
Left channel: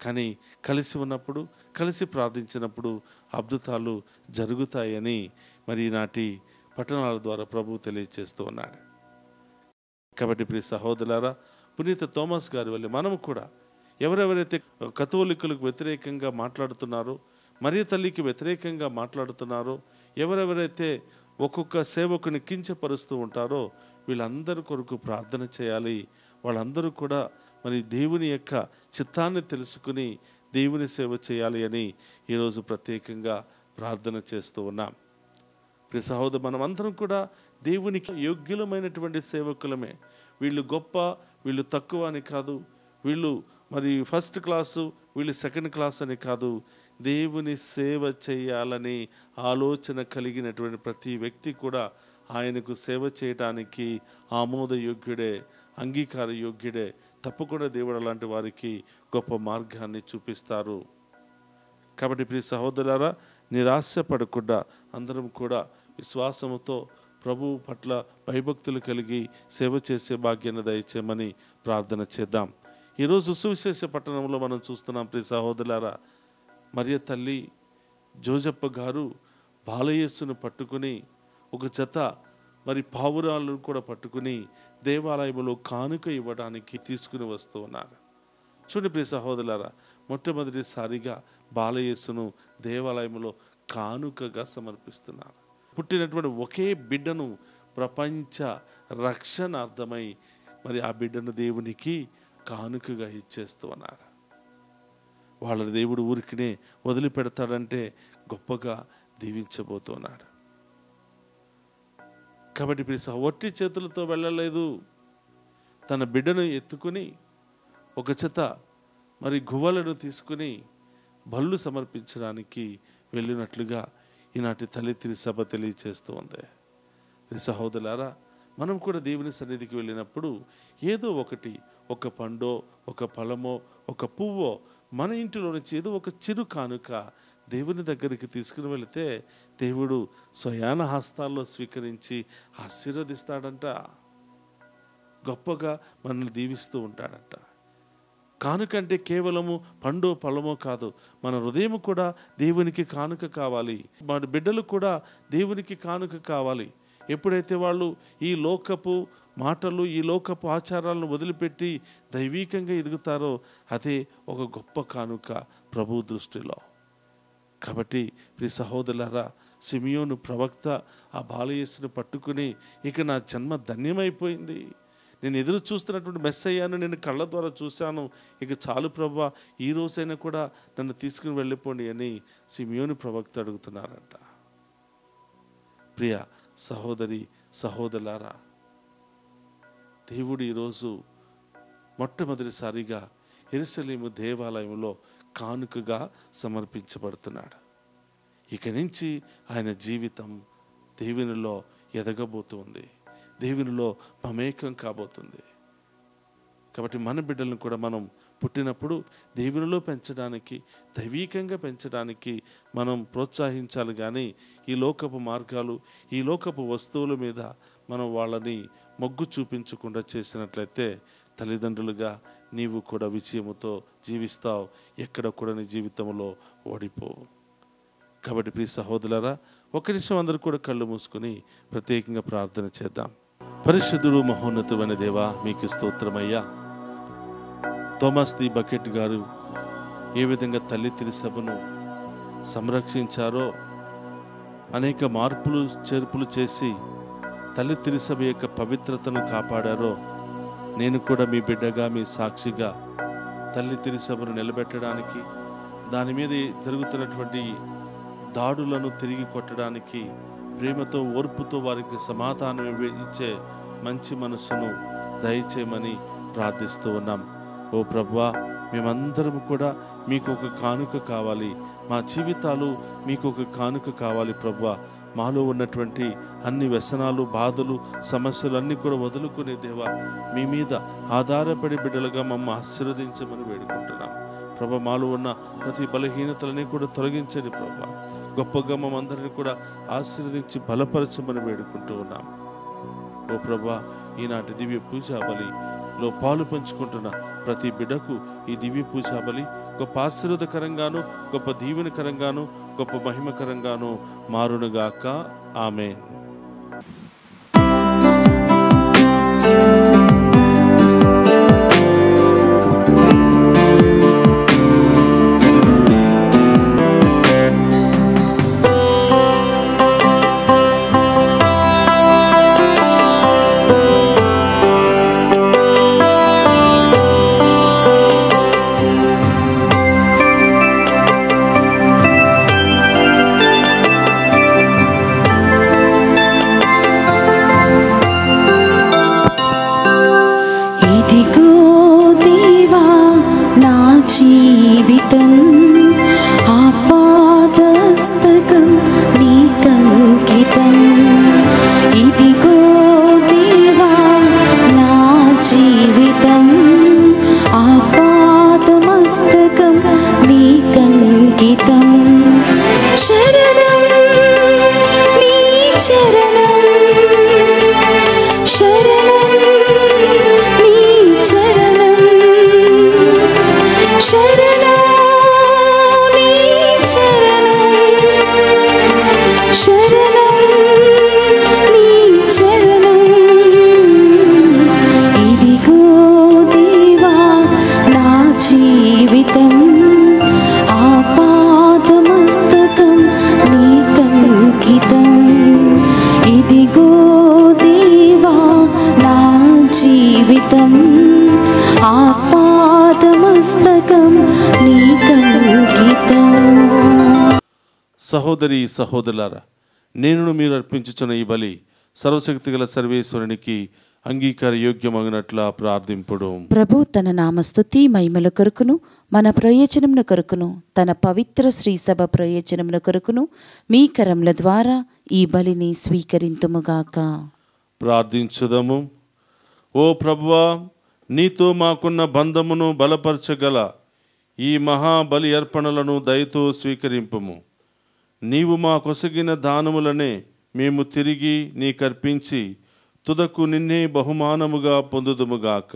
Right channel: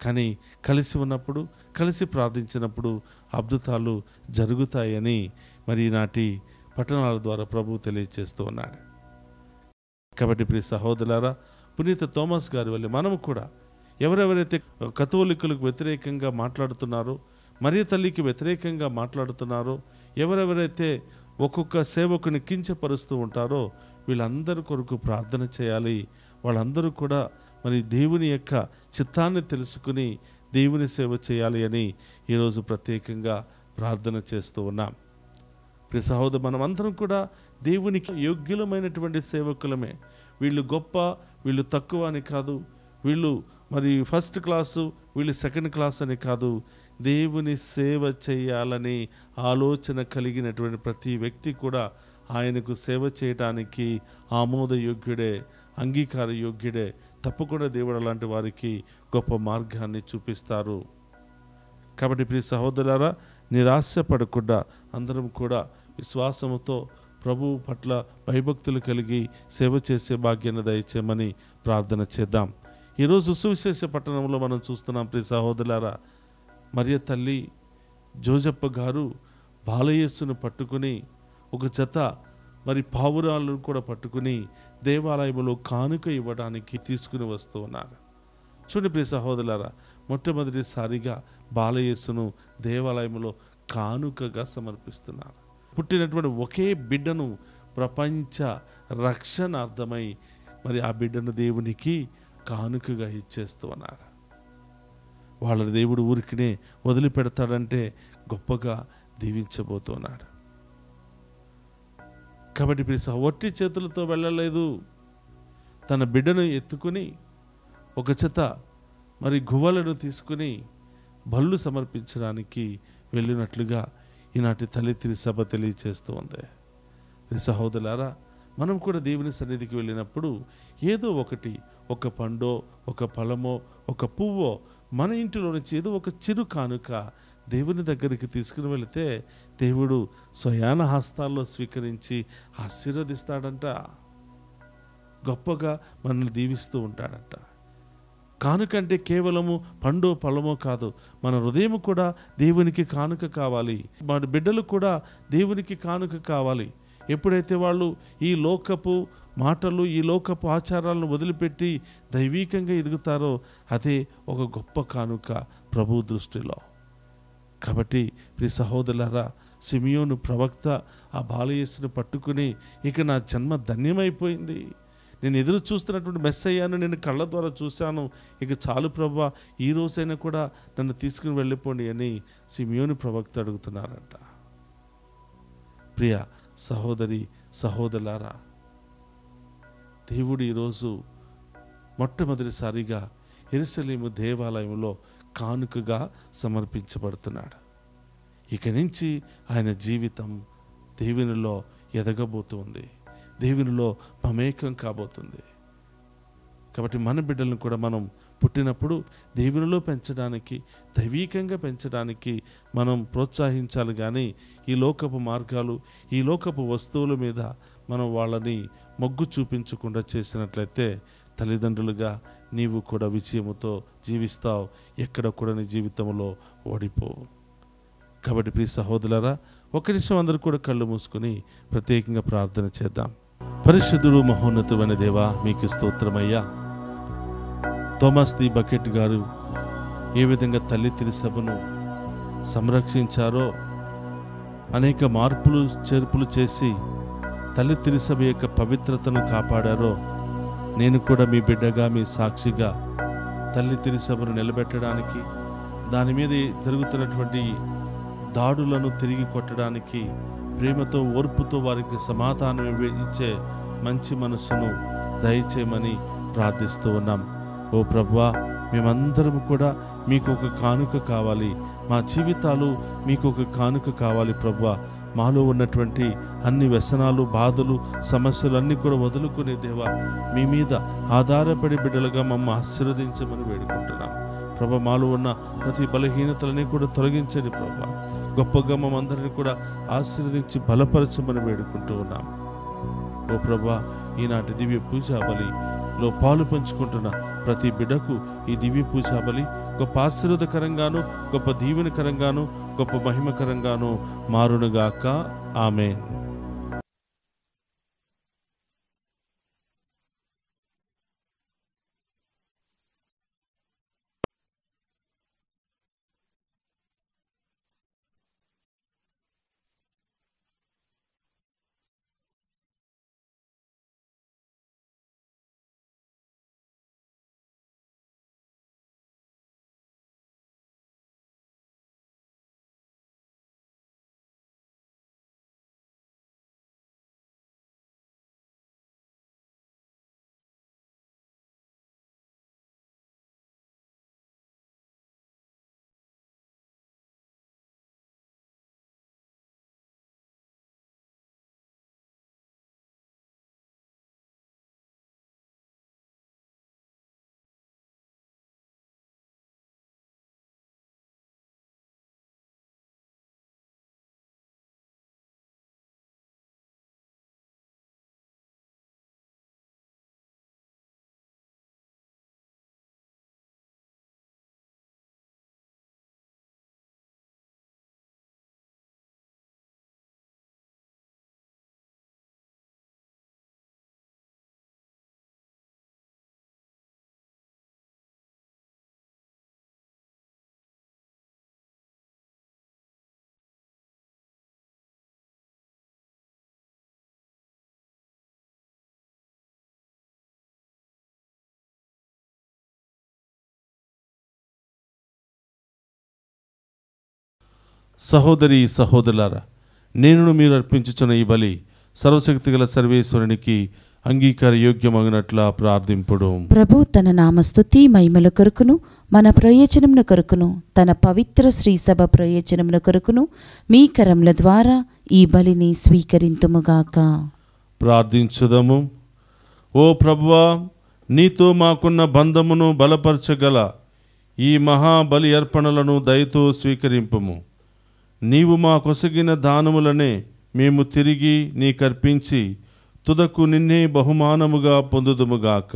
కానీ కలిసి ఉన్నప్పుడు, కలిసి ప్రార్థించినప్పుడు అద్భుతాలు జరుగుతాయని మరి ఈనాటి పట్టణాల ద్వారా ప్రభువు తెలియజేస్తూ ఉన్నాడు. కాబట్టి ప్రియ సహోదరులారా, పునీత థోమస్ గారి వల్ల మనము కూడా ఎవరెవరైతే కథోలికులకు వ్యతిరేకంగా మాట్లాడుతున్నారో, మరియ తల్లికి వ్యతిరేకంగా మాట్లాడుతున్నారో, ఎవరెవరైతే ఒక్కొక్క సేవకుని కించపరుస్తూ ఉంటారో వీళ్ళందరి కొరకు ప్రార్థన చేయాలి. వాళ్ళందరూ కూడా మరి దేవుని యొక్క చిత్తాన్ని తెలుసుకుని దేవుని సేవ చేయాలి అని ఈరోజు ప్రత్యేకంగా ప్రార్థన చేస్తూ ఉన్నాం. ప్రియ సహోదరు, మనమందరం కూడా దేవునికి యోగ్యులమైనటువంటి సేవకులమే. వీళ్ళు గొప్ప, వీళ్ళు తక్కువ అని కాదు, వీళ్ళు మరి ఫస్ట్ క్లాసు, వీళ్ళు సెకండ్ క్లాస్ అని కాదు. దేవుని సేవ చేయాలని ఆలోచన కలిగినటువంటి ప్రతి వ్యక్తి కూడా ఆయనకు సేవ చేయడానికి ఆమోదయోగ్యుడే, అంగీకార యోగ్యుడే. తప్పకుండా దేవుడు అలాంటి వారికి గొప్ప మార్గాన్ని చూపిస్తారు. కాబట్టి ప్రియ సహోదరులారా, నిరాశపడకుండా అందరం కూడా విశ్వాసముతో ప్రభువు పట్ల భయభక్తులు కలిగి సేవ చేసే భాగ్యాన్ని దయచేయమని ప్రార్థన చేద్దాం. ఈరోజు సువిశేష పట్టణంలో మనం చూస్తున్నాం ప్రియ సహోదరులారా, మరియ తల్లి జోజప్ప గారు బాలయేసును పట్టుకుని ఒక జత మరి పావురాలను కూడా పట్టుకుని దేవాలయంలో కానుక ఇవ్వడానికి తీసుకుని వస్తూ ఉన్నారు. చూడండి ప్రియ సహోదరులారా, మొట్టమొదటిసారిగా బాలయేసును దేవాలయంలో కానుకగా సమర్పిస్తున్నారు. పుట్టినటువంటి ఒకే బిడ్డను ప్రపంచ రక్షణార్థమై మరి ఆ బిడ్డను దేవునికి కానుకగా ఇచ్చేస్తూ ఉన్నారు. వాళ్ళ దేవుడు ఊరికినే వదిలిపెడతాడంటే గొప్పగా దీవించబోతున్నాడు. కాబట్టి ప్రియ ఒట్టి చేతులతో వెళ్ళలేదు, తన బిడ్డను ఎత్తుకుని ఒక చేత మరి గువ్వలను తీసుకుని బళ్ళు సమర్పించడానికి వెళ్ళినట్లుగా ఈనాటి తల్లి తిరుసభ తెలియచేస్తూ ఉంది. సహోదరులారా, మనం కూడా దేవుని సన్నిధికి వెళ్ళినప్పుడు ఏదో ఒకటి, ఒక పండో, ఒక ఫలమో, ఒక పువ్వో మన ఇంటిలో నుంచి ఏదో ఒక చిరు కానుక దేవుని దగ్గరికి తీసుకుని వెళితే దేవుడు స్వయాన హస్తాల్లో స్వీకరించి ఆశీర్వదిస్తాడంట, గొప్పగా మనల్ని దీవిస్తూ ఉంటాడంట. కానుక అంటే కేవలము పండో ఫలమో కాదు, మన హృదయం కూడా దేవునికి కానుక కావాలి. మన బిడ్డలు కూడా దేవునికి కానుక కావాలి. ఎప్పుడైతే వాళ్ళు ఈ లోకపు మాటలు, ఈ లోకపు ఆచారాలను వదిలిపెట్టి దైవీకంగా ఎదుగుతారో అదే ఒక గొప్ప కానుక ప్రభు దృష్టిలో. కాబట్టి ప్రియ సహోదరులారా, సిమియోను ప్రవక్త ఆ బాలయేసును పట్టుకుని ఇక నా జన్మ ధన్యమైపోయింది, నేను ఎదురు చూస్తున్నటువంటి మెస్సయ్యాను నేను కళ్ళ ద్వారా చూశాను, ఇక చాలు ప్రభువా, ఈ రోజైనా కూడా నన్ను తీసుకుని వెళ్ళిపోండి అని సిమియోను ప్రవక్త అడుగుతున్నారంట. ప్రియ సహోదరి సహోదరులారా, దేవుడు ఈరోజు మొట్టమొదటిసారిగా యెరూషలేము దేవాలయంలో కానుకగా సమర్పించబడుతున్నాడు. ఇక నుంచి ఆయన జీవితం దేవునిలో ఎదగబోతుంది, దేవునిలో మమేకం కాబోతుంది. కాబట్టి మన బిడ్డలను కూడా మనం పుట్టినప్పుడు దేవునిలో పెంచడానికి, దైవీకంగా పెంచడానికి మనం ప్రోత్సహించాలి. కానీ ఈ లోకపు మార్గాలు, ఈ లోకపు వస్తువుల మీద మనం వాళ్ళని మొగ్గు చూపించకుండా చేసినట్లయితే తల్లిదండ్రులుగా నీవు కూడా విజయముతో జీవిస్తావు, ఎక్కడ కూడా నీ జీవితంలో ఓడిపోవు. కాబట్టి ప్రియ సహోదరులారా, ఒక నిమిషం అందరూ కూడా కళ్ళు మూసుకొని ప్రత్యేకంగా ప్రార్థన చేద్దాం. పరిశుద్ధుడు మహోన్నతుడైన దేవా, మీకు స్తోత్రమయ్యా. థోమస్ ది బకెట్ గారు ఏ విధంగా తల్లి తిరుసభను సంరక్షించారో, అనేక మార్పులు చేర్పులు చేసి తల్లి తిరుసభ యొక్క పవిత్రతను కాపాడారో, నేను కూడా మీ బిడ్డగా, మీ సాక్షిగా తల్లి తిరుసభను నిలబెట్టడానికి, దాని మీద జరుగుతున్నటువంటి దాడులను తిరిగి కొట్టడానికి ప్రేమతో, ఓర్పుతో వారికి సమాధానం ఇచ్చే మంచి మనసును దయచేయమని ప్రార్థిస్తూ ఉన్నాం. ఓ ప్రభువా, మేమందరం కూడా మీకు ఒక కానుక కావాలి, మా జీవితాలు మీకు ఒక కానుక కావాలి ప్రభువా. మాలో ఉన్నటువంటి అన్ని వ్యసనాలు, బాధలు, సమస్యలన్నీ కూడా వదులుకునే దేవా, మీ మీద ఆధారపడి బిడ్డలుగా మమ్మల్ని ఆశీర్వదించమని వేడుకుంటున్నాం ప్రభా. మాలో ఉన్న ప్రతి బలహీనతలని కూడా తొలగించండి ప్రభా. గొప్పగా మమ్మందరినీ కూడా ఆశీర్వదించి బలపరచమని వేడుకుంటూ ఉన్నాం. ఓ ప్రభా, ఈనాటి దివ్య పూజా బలిలో పాలు పంచుకుంటున్న ప్రతి బిడ్డకు ఈ దివ్య పూజా బలి గొప్ప ఆశీర్వాదకరంగాను, గొప్ప దీవెనకరంగాను, గొప్ప మహిమకరంగాను మారునుగాక. ఆమేన్. ఇదిగో దేవా నా జీవితం, ఆపాదస్తకం నీకంకితం. ఇదిగో దేవా నా జీవితం, ఆపాదమస్తకం నీకంకితం. శరణం నీ చరణం, శరణం నీ చరణం, శరణం నీ చరణం, శరణం నీ చరణం. ఇదిగో దేవా నా జీవితం, ఆపాదమస్తకం నీకంకితం. ఇదిగో దేవా నా జీవితం, ఆపాదమస్తకం నీకంకితం. సహోదరి సహోదరులారా, నేను మీరు అర్పించుచున్న ఈ బలి సర్వశక్తిగల సర్వేశ్వరునికి అంగీకార యోగ్యమగినట్లా ప్రార్థింపుడు. ప్రభు తన నామస్తుతి మహిమల కొరకును, మన ప్రయోజనముల కొరకును, తన పవిత్ర శ్రీసభ ప్రయోజనముల కొరకును మీ కరముల ద్వారా ఈ బలిని స్వీకరింతుముగాక. ప్రార్థించుదము. ఓ ప్రభువా, నీతో మాకున్న బంధమును బలపరచగల ఈ మహాబలి అర్పణలను దయతో స్వీకరింపుము. నీవు మా కొసగిన దానములనే మేము తిరిగి నీకర్పించి తుదకు నిన్నే బహుమానముగా పొందుదుముగాక.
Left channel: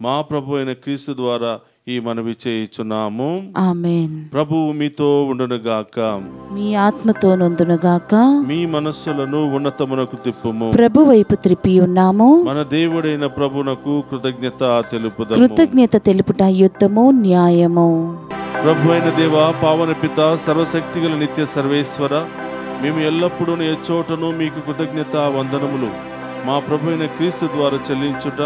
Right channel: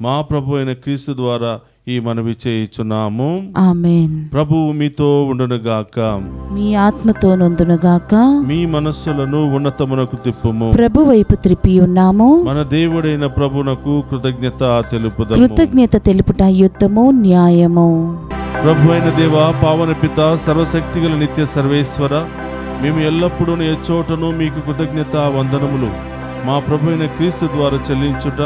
మా ప్రభు అయిన క్రీస్తు ద్వారా ఈ మనవి చేయుచున్నాము. ఆమేన్. ప్రభువు మీతో ఉండునుగాక. మీ ఆత్మతో నొందునుగాక. మీ మనస్సులను ఉన్నతమునకు తిప్పుము. ప్రభు వైపు త్రిప్పి ఉన్నాము. మన దేవుడైన ప్రభునకు కృతజ్ఞత తెలుపుదము. కృతజ్ఞత తెలుపుట యుద్ధము, న్యాయము. ప్రభు అయిన దేవా, పావన పిత, సర్వశక్తిగల నిత్య సర్వేశ్వర, మేము ఎల్లప్పుడూ ఎచ్చోటను మీకు కృతజ్ఞత వందనములు మా ప్రభు అయిన క్రీస్తు ద్వారా చెల్లించుట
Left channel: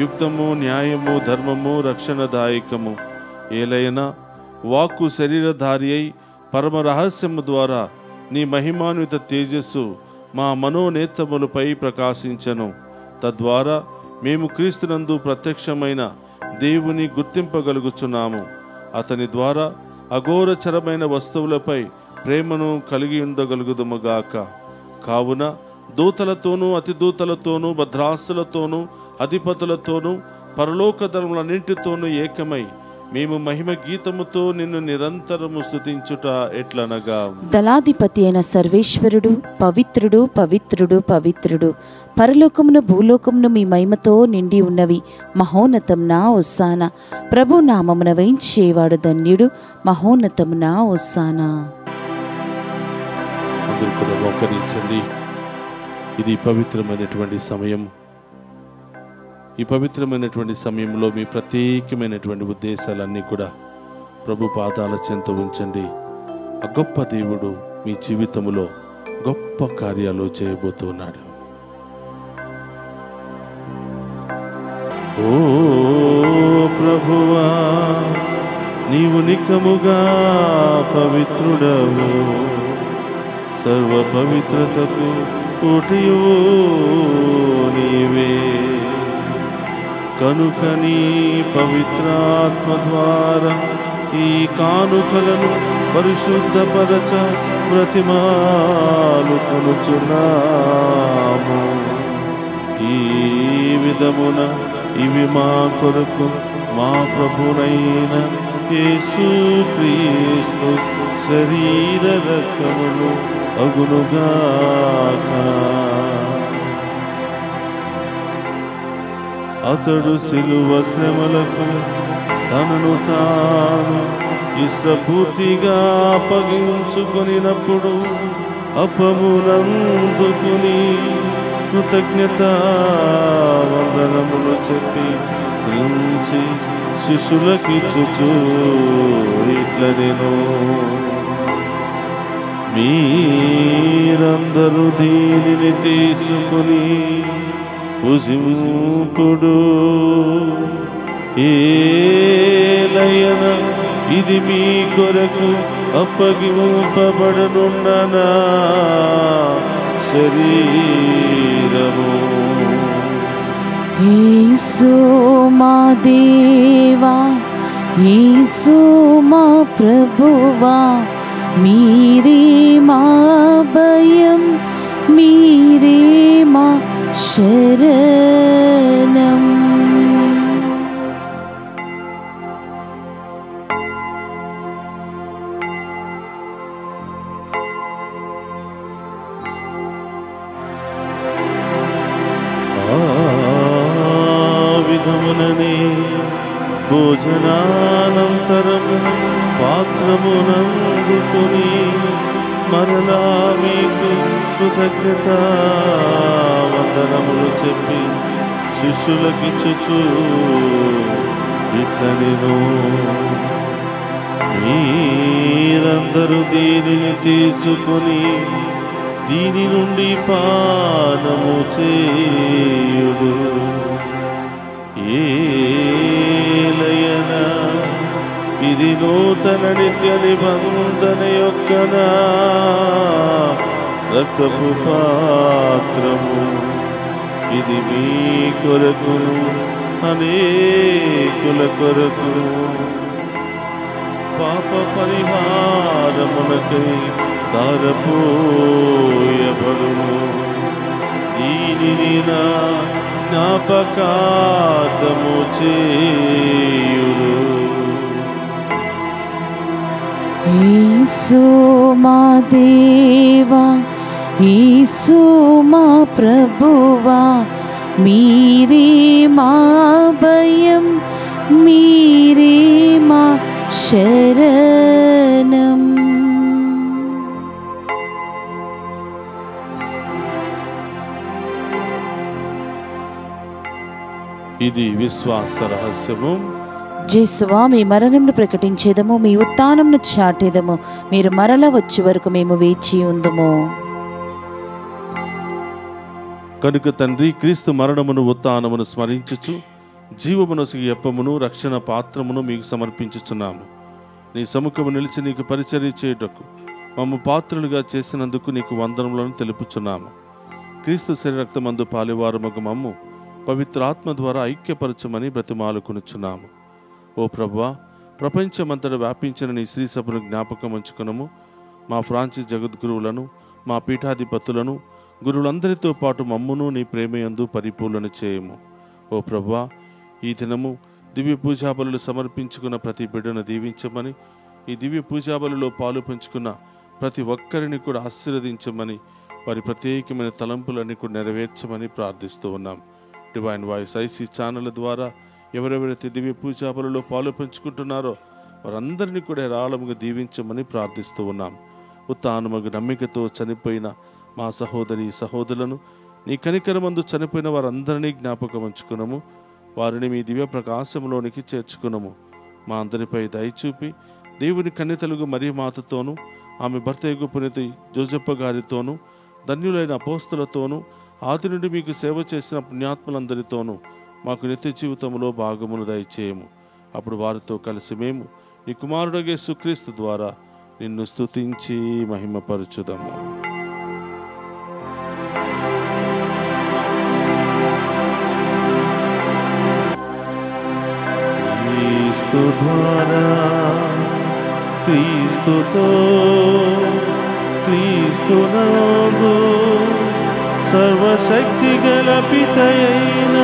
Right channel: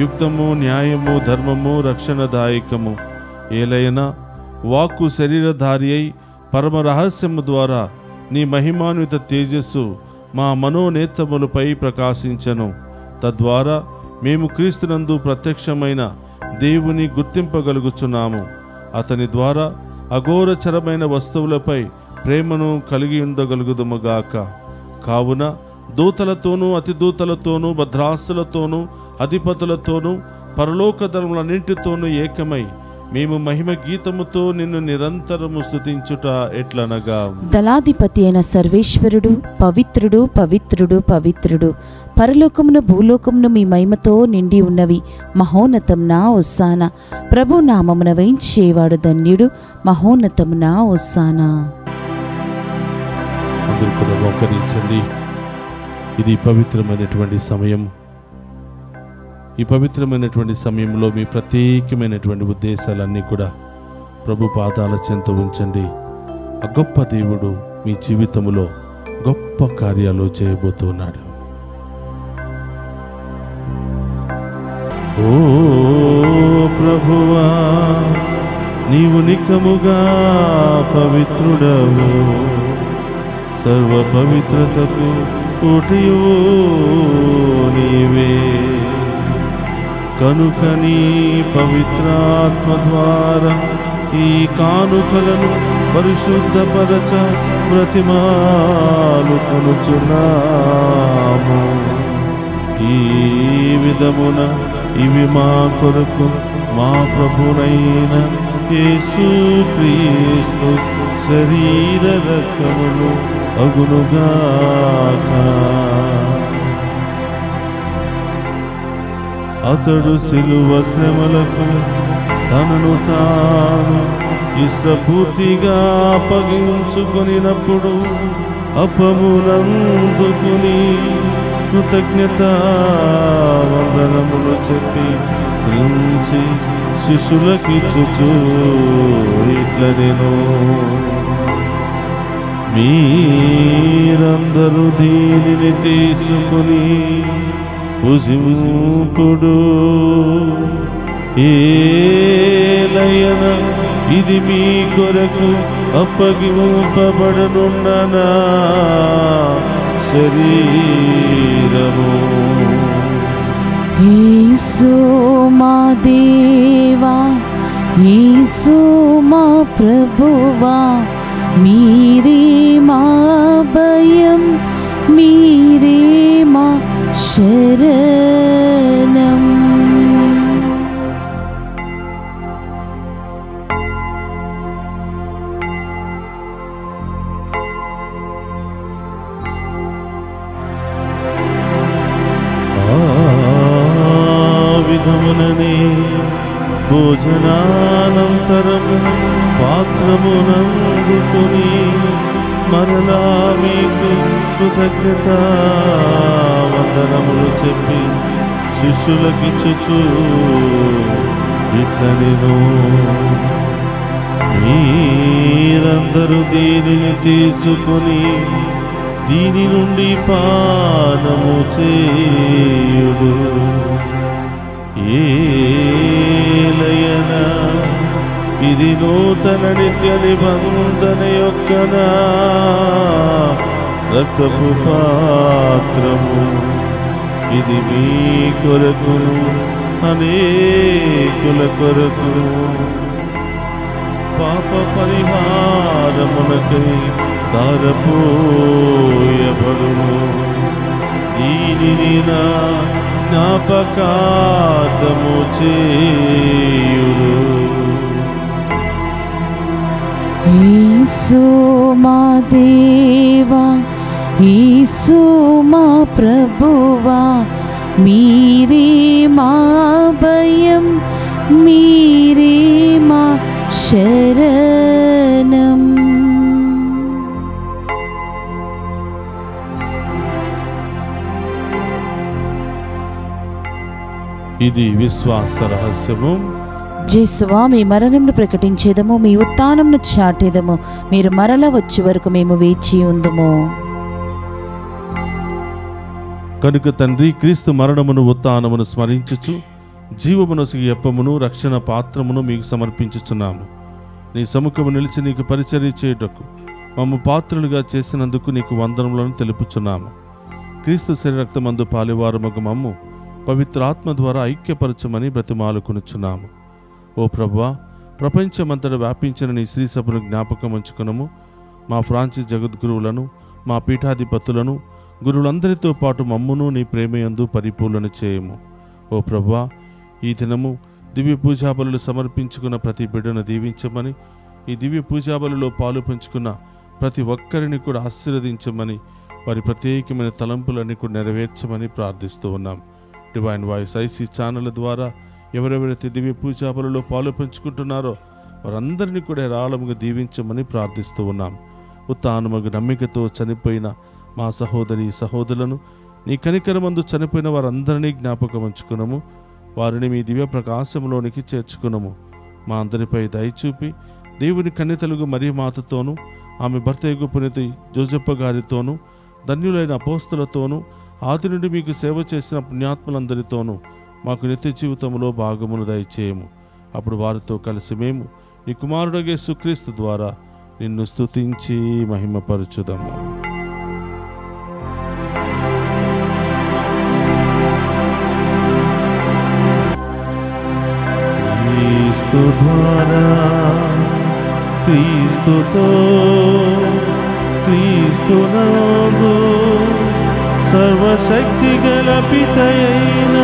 యుక్తము, న్యాయము, ధర్మము, రక్షణదాయకము. ఏలైనా వాక్కు శరీరధారి అయి పరమ రహస్యము ద్వారా నీ మహిమాన్విత తేజస్సు మా మనోనేత్రములపై ప్రకాశించెను. తద్వారా మేము క్రీస్తునందు ప్రత్యక్షమైన దేవుని గుర్తింపగలుగుచున్నాము. అతని ద్వారా అఘోరచరమైన వస్తువులపై ప్రేమను కలిగి ఉండగలుగుదుముగాక. కావున దూతలతోనూ అతిదూతలతోనూ భద్రాసులతోనూ అధిపతులతోనూ పరలోక ధర్మలన్నింటితోనూ ఏకమై మేము మహిమ గీతముతో నిన్ను నిరంతరము స్తుతించుట ఎట్లనగా, దళాధిపతి అయిన సర్వేశ్వరుడు పవిత్రుడు పవిత్రుడు పవిత్రుడు, పరలోకమును భూలోకమును మీ మహిమతో నిండి ఉన్నవి. మహోన్నతమున హోసానా, ప్రభు నామమున వేయించేవాడు ధన్యుడు. మహోన్నతమున హోసానా. అందరూ కూడా మోకరించండి. ఇది పవిత్రమైనటువంటి సమయం. ఈ పవిత్రమైనటువంటి సమయంలో మీ ప్రత్యేకమైనటువంటి ఉద్దేశాలన్నీ కూడా ప్రభు పాదాల చెంత ఉంచండి. ఆ గొప్ప దేవుడు మీ జీవితంలో గొప్ప కార్యాలు చేయబోతున్నాడు. ఓ ప్రభువా, నీవు నికముగా పవిత్రుడవు, సర్వ పవిత్రతకు ఊటియు నీవే. కనుక నీ పవిత్రాత్మ ద్వారా ఈ కానుకలను పరిశుద్ధపరచ బ్రతిమాలుకొనుచున్నాము. ఈ విధమున ఇవి మా కొరకు మా ప్రభునైన యేసుక్రీస్తు శరీర రక్తములు అగునుగాక. అతడు శిలువ శ్రమలకు తనను తాను ఇష్టపూర్తిగా అప్పగించుకొనినప్పుడు అపమునందుకుని కృతజ్ఞతా వందనములు చెప్పి త్రించి శిష్యులకిచ్చుచు ఇట్లనెను, మీరందరూ దీనిని తీసుకుని భుజింపుడు. ఏలయన ఇది మీ కొరకు అప్పగింపబడనున్న నా శరీరము. యేసు మా దేవా, యేసు మా ప్రభువా, మీరే మా భయం, మీరే మా శరణం. విధముననే భోజనానంతరం పాత్రమునందుకొని మరలా మీకు కృతజ్ఞతా వందనములు చెప్పి శిష్యులకిచ్చుచు ఇట్లనెను, మీరందరూ దీనిని తీసుకొని దీని నుండి పానము చేయుడు. ఏలయన ఇది నూతన నిత్య నిబంధన యొక్క నా రక్తపు పాత్రము. ఇది మీ కొరకును అనేకుల కొరకును పాప పరిహారమునకై ధారపోయబడును. దీనిని నా జ్ఞాపకార్థము చేయుడు. యేసు మా దేవా, యేసు మా ప్రభువా, మీరే మా భయం, మీరే మా శరణం. ఇది విశ్వాస రహస్యము. జేసువా, మీ మరణంను ప్రకటించేదము, మీ ఉత్థానంను చాటేదము. మీరు మరల వచ్చే వరకు మేము వేచి ఉందుము. కనుక తండ్రి, క్రీస్తు మరణమును ఉత్థానమును స్మరించుచు జీవమునొసగి అప్పమును రక్షణ పాత్రమును మీకు సమర్పించుచున్నాము. నీ సముఖము నిలిచి నీకు పరిచర్య చేయుటకు మమ్ము పాత్రులుగా చేసినందుకు నీకు వందనములను తెలుపుచున్నాము. క్రీస్తు శరీర రక్తమందు పాలివారమగు మమ్ము పవిత్రాత్మ ద్వారా ఐక్యపరచమని బ్రతిమాలుకొనుచున్నాము. ఓ ప్రభువా, ప్రపంచమంతటా వ్యాపించిన నీ శ్రీ సభను జ్ఞాపకం ఉంచుకునము. మా ఫ్రాన్సిస్ జగద్గురువులను, మా పీఠాధిపతులను, గురువులందరితో పాటు మమ్మును నీ ప్రేమయందు పరిపూర్ణ చేయము. ఓ ప్రభువా, ఈ దినము దివ్య పూజాబలులు సమర్పించుకున్న ప్రతి బిడ్డను దీవించమని, ఈ దివ్య పూజాబలులో పాలు పంచుకున్న ప్రతి ఒక్కరిని కూడా ఆశీర్వదించమని, వారి ప్రత్యేకమైన తలంపులన్నీ కూడా నెరవేర్చమని ప్రార్థిస్తూ ఉన్నాం. డివైన్ వాయిస్ ఐసీ ఛానల్ ద్వారా ఎవరెవరైతే దివ్య పూజాబలులో పాలు పంచుకుంటున్నారో వారందరినీ కూడా ఏరాళముగా దీవించమని ప్రార్థిస్తూ ఉన్నాం. ఉత్తానమగు నమ్మికతో చనిపోయిన మా సహోదరి సహోదరులను, నీ కనికరమందు చనిపోయిన వారందరినీ జ్ఞాపకం ఉంచుకున్నాము. వారిని మీ దివ్య ప్రకాశంలోనికి చేర్చుకున్నాము. మా అందరిపై దయచూపి దేవుని కన్యతలుగు మరియ మాతతోనూ, ఆమె భర్త పునీత జోజప్ప గారితోనూ, ధన్యులైన అపోస్తలతోనూ, ఆది నుండి మీకు సేవ చేసిన పుణ్యాత్మలందరితోనూ మాకు నిత్య జీవితంలో భాగమును దయచేయము. అప్పుడు వారితో కలిసి మేము నీ కుమారుడగే యేసుక్రీస్తు ద్వారా నిన్ను స్తుతించి మహిమపరచుదాము. క్రీస్తు ద్వారా, క్రీస్తుతో, క్రీస్తునందు సర్వశక్తి గల పితయైన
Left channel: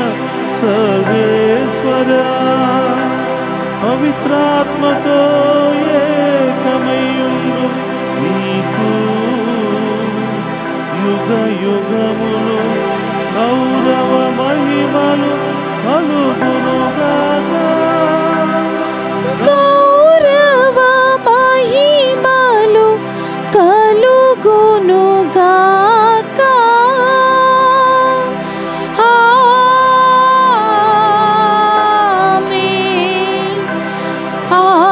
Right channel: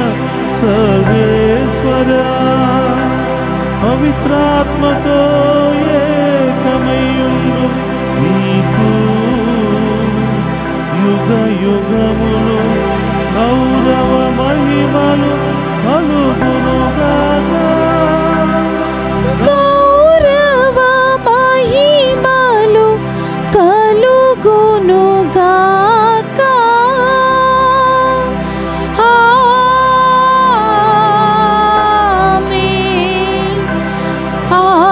సర్వేశ్వరా, పవిత్రాత్మతో ఏకమయ్యుండు నీకు యుగ యుగములు గౌరవ మహిమలు కలుగునుగాక. గౌరవ మహిమలు కలుగునుగాక. ఆమేన్, ఆమేన్.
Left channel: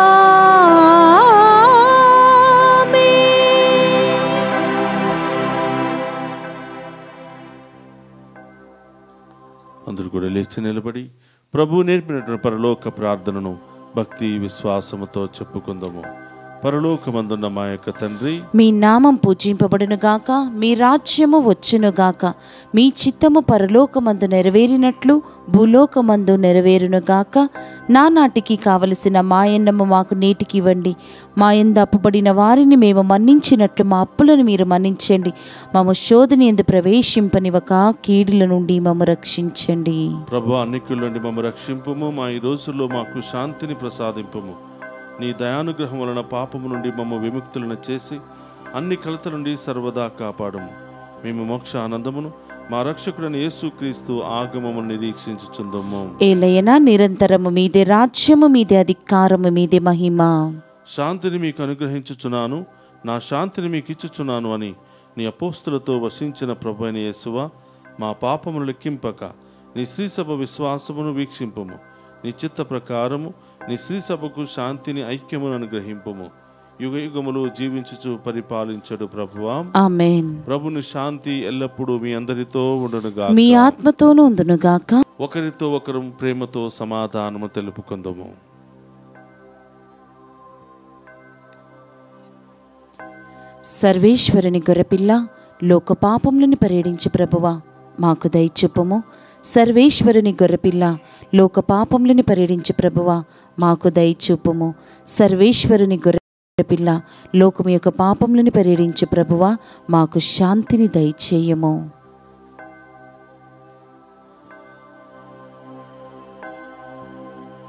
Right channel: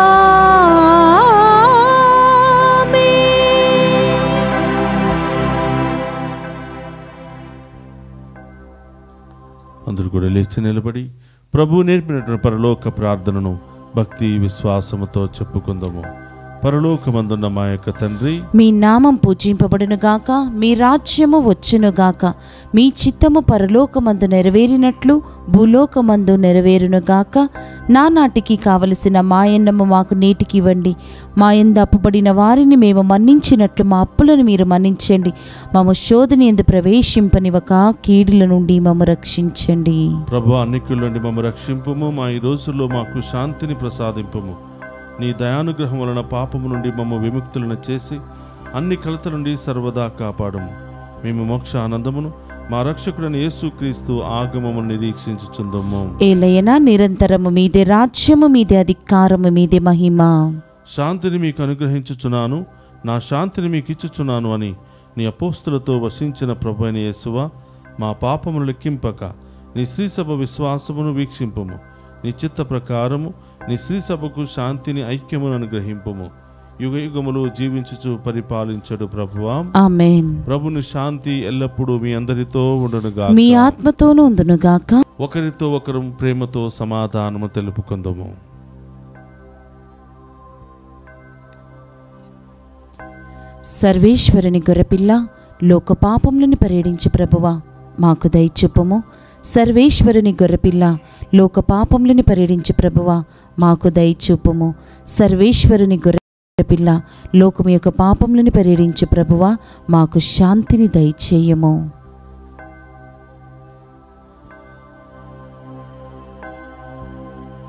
అందరూ కూడా లేచి నిలబడి ప్రభు నేర్పినటువంటి పరలోక ప్రార్థనను భక్తి విశ్వాసముతో చెప్పుకుందాము. పరలోకమందున్న మా యొక్క తండ్రి, మీ నామం పూజింపబడునుగాక, మీ రాజ్యము వచ్చునుగాక, మీ చిత్తము పరలోకమందు నెరవేరినట్లు భూలోకమందు నెరవేరునుగాక. నానాటికి కావలసిన మాయన్నము మాకు నేటికి ఇవ్వండి. మా యందు అప్పుబడిన వారిని మేము మన్నించినట్లు మా అప్పులను మీరు మన్నించండి. మమ్ము శోధన యందు ప్రవేశింపనివ్వక కీడుల నుండి మమ్ము రక్షించండి. ప్రభు అన్నికుల నుండి మమ్ము రక్షింపుము. మా ఈ రోజుల్లో మాకు శాంతిని ప్రసాదింపుము. నీ దయానుగ్రహం వలన పాపము నుండి మమ్ము విముక్తులను చేసి అన్ని కలత నుండి సర్వదా కాపాడము. మేము మోక్ష ఆనందమును మా రక్షకుడైన యేసుక్రీస్తు ఆగమమును నిరీక్షించుచుందము. ఏలయనా నిరంతరము మీదే రాజ్యము, మీదే అధికారము, మీదే మహిమ. శాంతిని మీకు అనుగ్రహించుచున్నాను, నా శాంతిని మీకు ఇచ్చుచున్నాను అని నీ అపోస్తులతో వసించిన ప్రభు అయిన యేసువా, మా పాపమును లెక్కింపక నీ శ్రీసభ విశ్వాసమును వీక్షింపుము. నీ చిత్త ప్రకారము నీ శ్రీసభకు శాంతిని ఐక్యమును అనుగ్రహింపుము. యుగ యుగములు జీవించుచు పరిపాలించడు ప్రభువా. ఆమేన్. ప్రభుని శాంతి ఎల్లప్పుడూ మీ అందరితో ఉండునుగాక, మీ ఆత్మతోనూ ఉండునుగాక. ఒకరితో ఒకరు ప్రేమతో సమాధానము తెలుపుకుందాము. సర్వేశ్వరుని గొర్రెపిల్ల, లోక పాపములను పరిహరించు ప్రభువా, మాకు దయచూపుము. సర్వేశ్వరుని గొర్రెపిల్ల, లోక పాపములను పరిహరించు ప్రభువా, మాకు దయచూపుము. సర్వేశ్వరుని గొర్రెపిల్ల, లోకము యొక్క పాపములను పరిహరించు ప్రభువా, మాకు శాంతిని దయచేయము.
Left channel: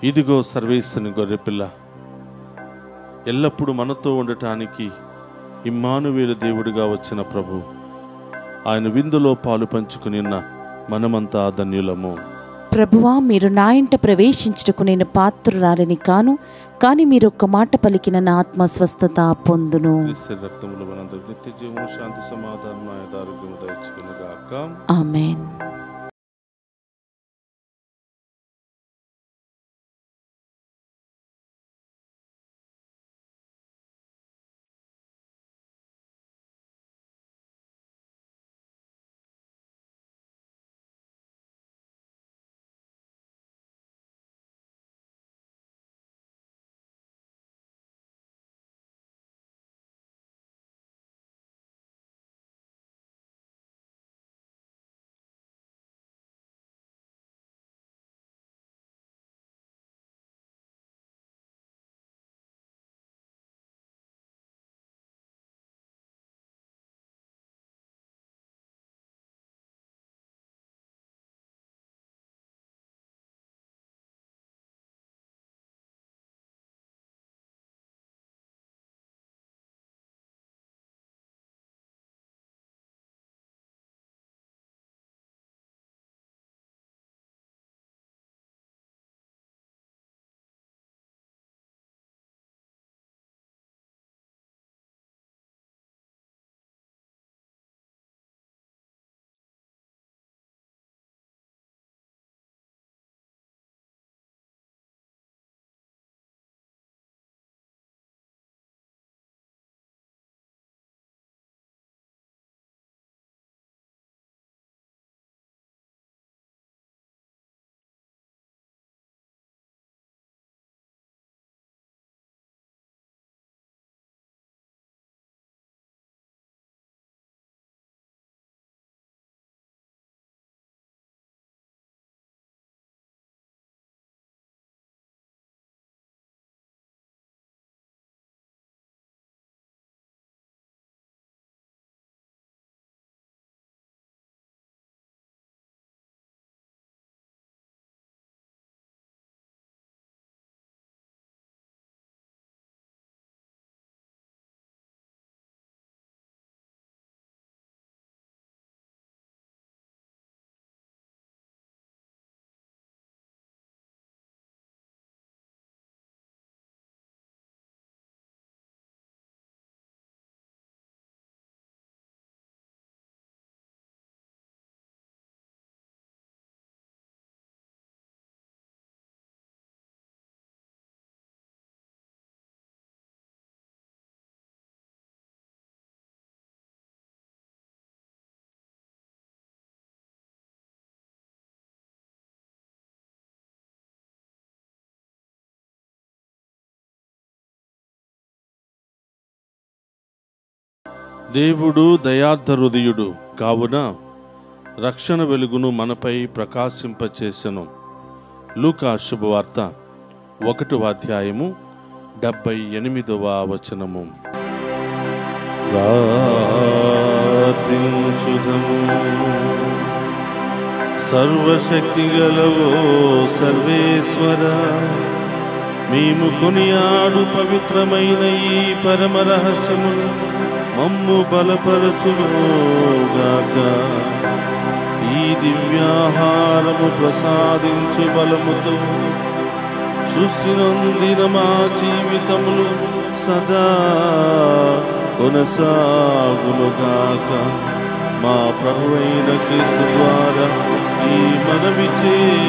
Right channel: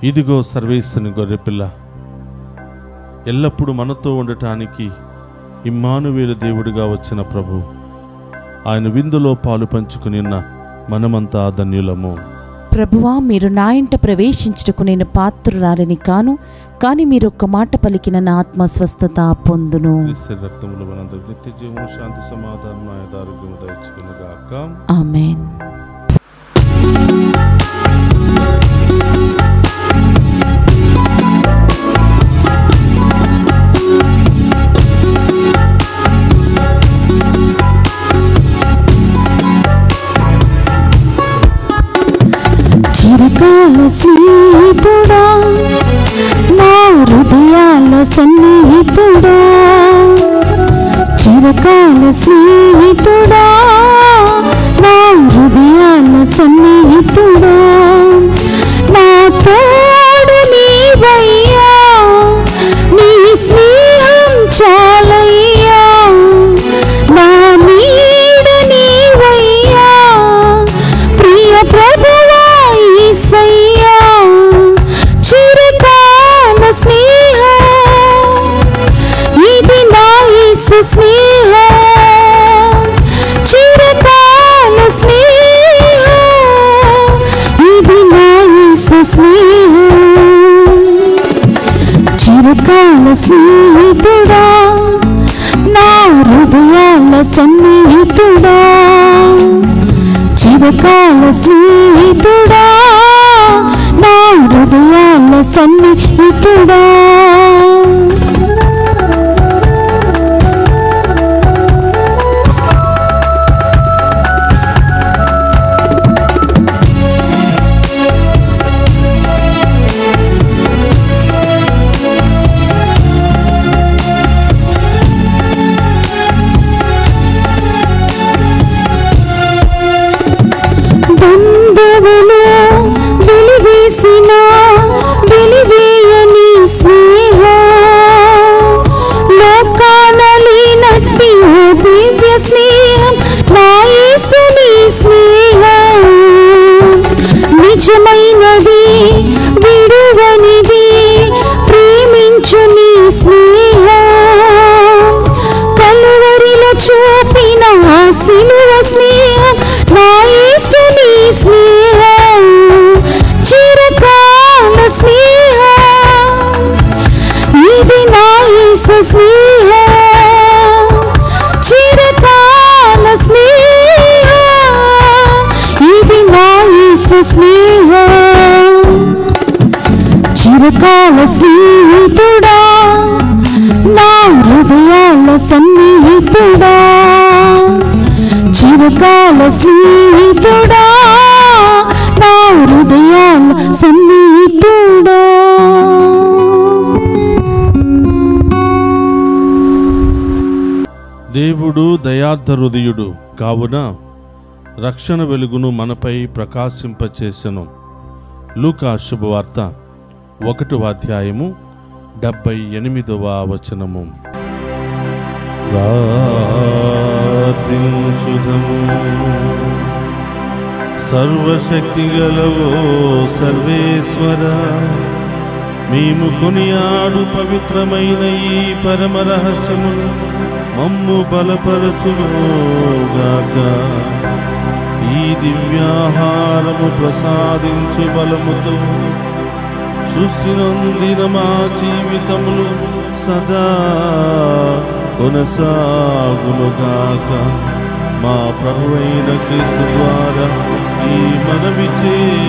ఇదిగో సర్వేశ్వరుని గొర్రెపిల్ల, ఎల్లప్పుడూ మనతో ఉండటానికి ఇమ్మానువేలు దేవుడిగా వచ్చిన ప్రభు. ఆయన విందులో పాలు పంచుకుని మనమంతా ధన్యులము. ప్రభువా, మీరు నా ఇంట ప్రవేశించుటకు నేను పాత్రురాలిని కాను, కానీ మీరు ఒక్క మాట పలికిన నా ఆత్మ స్వస్థత పొందును. క్రీస్తు రక్తములో మనందరికీ నిత్య జీవము, శాంతి, సమాధానం, ఆరోగ్యము దయచుకొనుగాక. ఆమేన్. చిరకాల స్నేహితుడా, నా హృదయాల సన్నిహితుడా, చిరకాల స్నేహితుడా, నా హృదయాల సన్నిహితుడా. స్నేహం చిరకాల స్నేహం ఇది నా యేసు స్నేహం చిరకాల స్నేహితుడా నా హృదయాల సన్నిహితుడా చిరకాల స్నేహితుడా నా హృదయాల సన్నిహితుడా బంధువులు వెలివేసిన వెలివేయని స్నేహం లోకాన లేనట్టి ఓ దివ్య స్నేహం నా యేసుని స్నేహం నిజమైనది విడువనిది ప్రేమించు నీ స్నేహం కలువరిలో చూపిన ఆ సిలువ స్నేహం నా యేసుని స్నేహం చిరకాల స్నేహం ఇది నా యేసు స్నేహం చిరకాల స్నేహం ఇది నా యేసు స్నేహం చిరకాల స్నేహితుడా నా హృదయాల సన్నిహితుడా చిరకాల స్నేహితుడా నా హృదయాల సన్నిహితుడా దేవుడు దయార్థ హృదయుడు కావున రక్షణ వెలుగును మనపై ప్రకాశింపచేసెను. లూకా శుభవార్త 1వ అధ్యాయము 78వ వచనము. ప్రార్థించుదము. సర్వశక్తి గలవో సర్వేశ్వర, మేము కొనియాడు పవిత్రమైన ఈ పరమ రహస్యము మమ్ము బలపరచుగాక. ఈ దివ్యాహారము ప్రసాదించు బలముతో సృష్టి నొందిన మా జీవితములు సదా కొనసాగునుగాక. మా ప్రభువైన క్రీస్తు ద్వారా ఈ మనవి చేయుచున్నాము.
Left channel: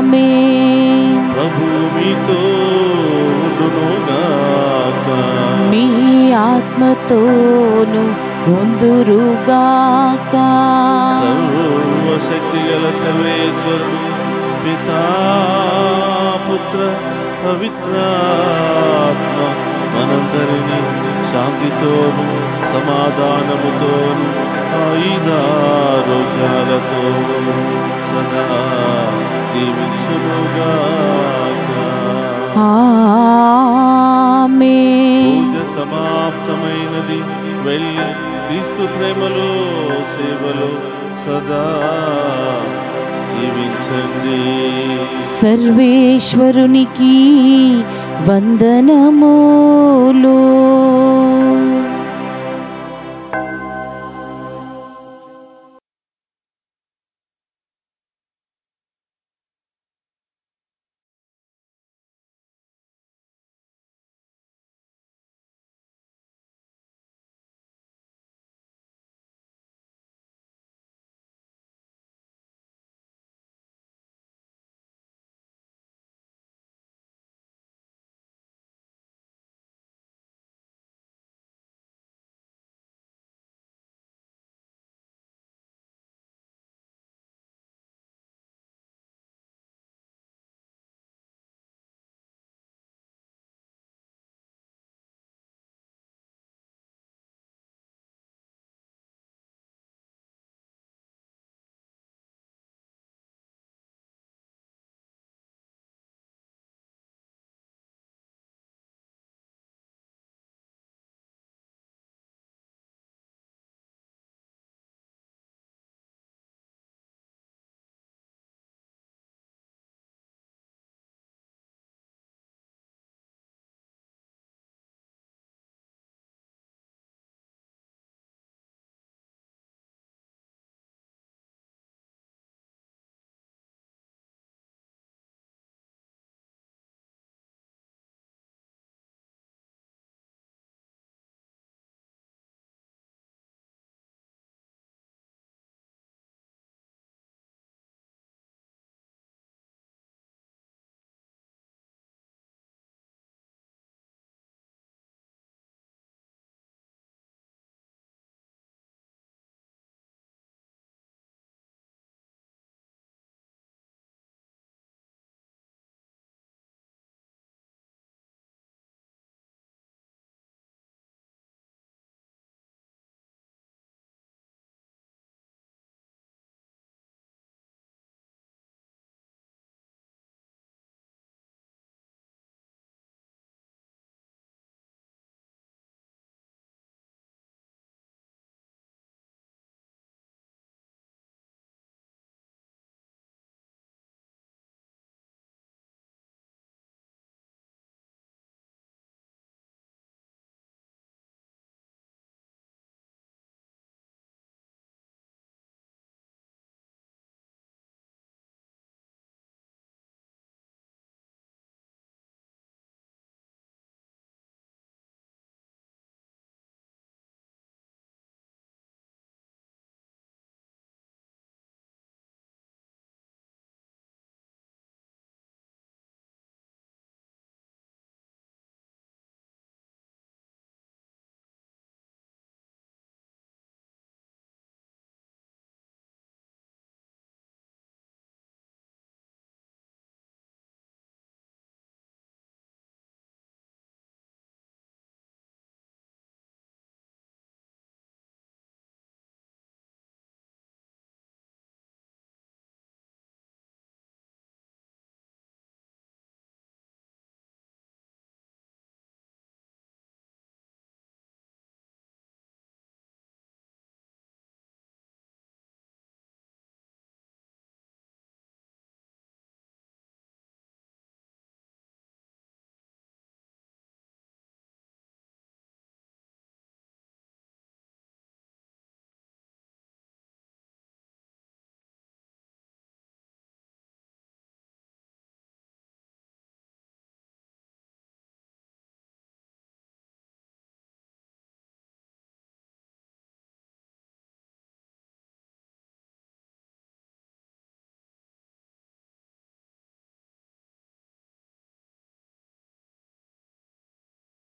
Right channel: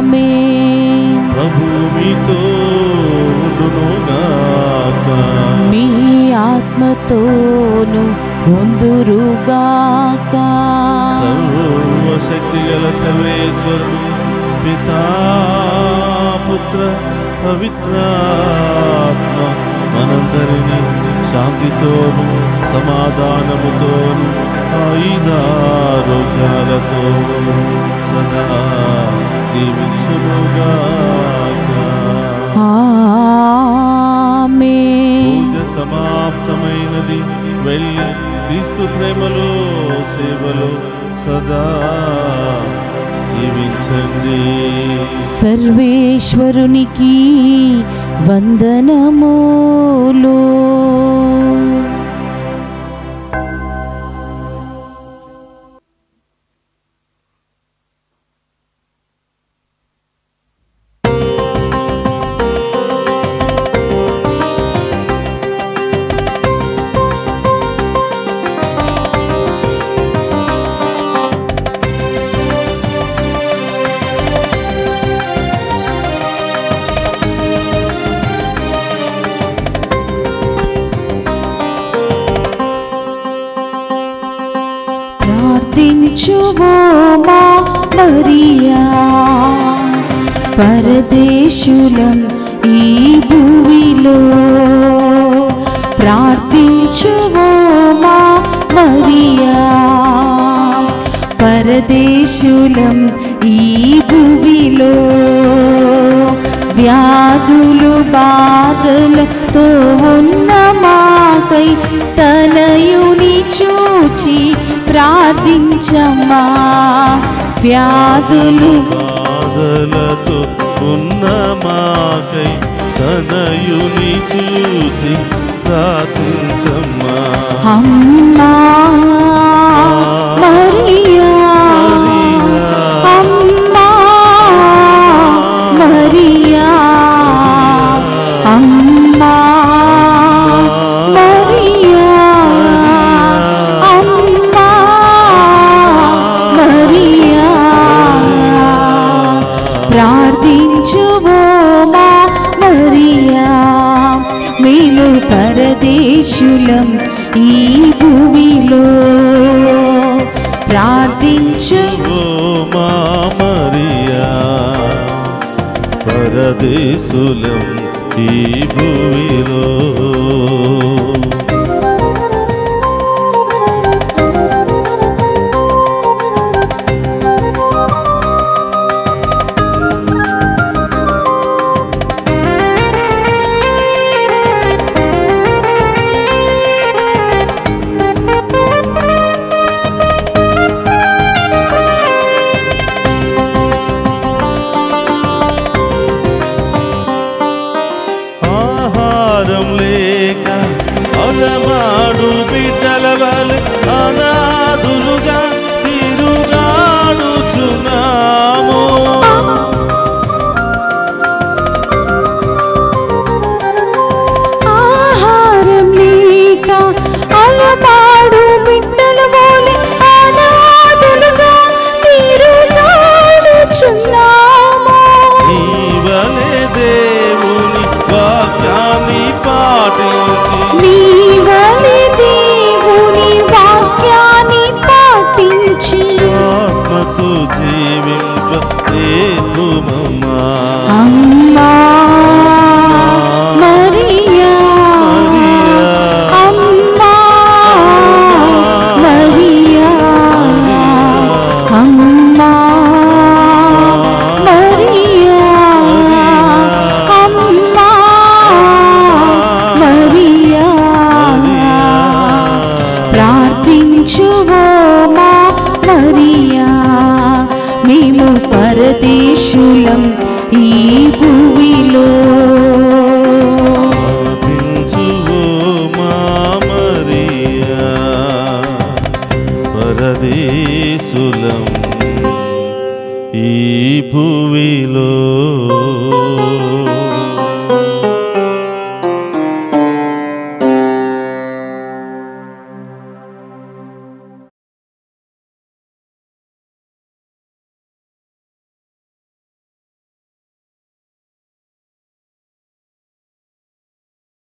ఆమేన్. ప్రభు మీతో ఉండునుగాక. మీ ఆత్మతోను ఉందురుగాక. సర్వశక్తి గల సర్వేశ్వరుడు పితా పుత్ర పవిత్రాత్మ మనందరినీ శాంతితోను సమాధానముతోను ఆయుధారోగ్యాలతోను సదా దీవించునుగాక. ఆమేన్. పూజ సమాప్తమైనది. వెళ్ళి క్రీస్తు ప్రేమలో సేవలో సదా జీవించండి. సర్వేశ్వరునికి వందనములు. ప్రార్థించువో మా మరియా, పరదేశులం ఈ భూమిలో. ప్రార్థించువో మా మరియా, పరదేశులం ఈ భూమిలో. వ్యాధులు బాధలతో ఉన్న మాకై తనయుని చూచి ప్రార్థించమ్మా. వ్యాధులు బాధలతో ఉన్న మాకై తనయుని చూచి ప్రార్థించమ్మా. అమ్మా మరియా, అమ్మా మరియా, అమ్మా మరియా, అమ్మా మరియా, ప్రార్థించువో మా మరియా, మేము పరదేశులం ఈ భూమిలో. ప్రార్థించు ఓ మా మరియా, పరదేశులం ఈ భూమిలో. ఆహారం లేక అలమాడు బిడ్డల వలె అనాథులుగా తిరుగాడుచున్నాము. ఆహారం లేక అలమాడు బిడ్డల వలె అనాథులుగా తిరుగాడుచున్నాము. నీ వలె దేవుని వాక్యాన్ని పాటించి నీ వలె దేవుని వాక్యాన్ని పాటించి ఆత్మతో జీవింపేతుమమ్మా. అమ్మా మరియా, అమ్మా మరియా, అమ్మా మరియా, అమ్మా మరియా, ప్రార్థించువో మా మరియా, మేము పరదేశులం ఈ భూమిలో. ప్రార్థించువో మా మరియా, పరదేశులం ఈ భూమిలో.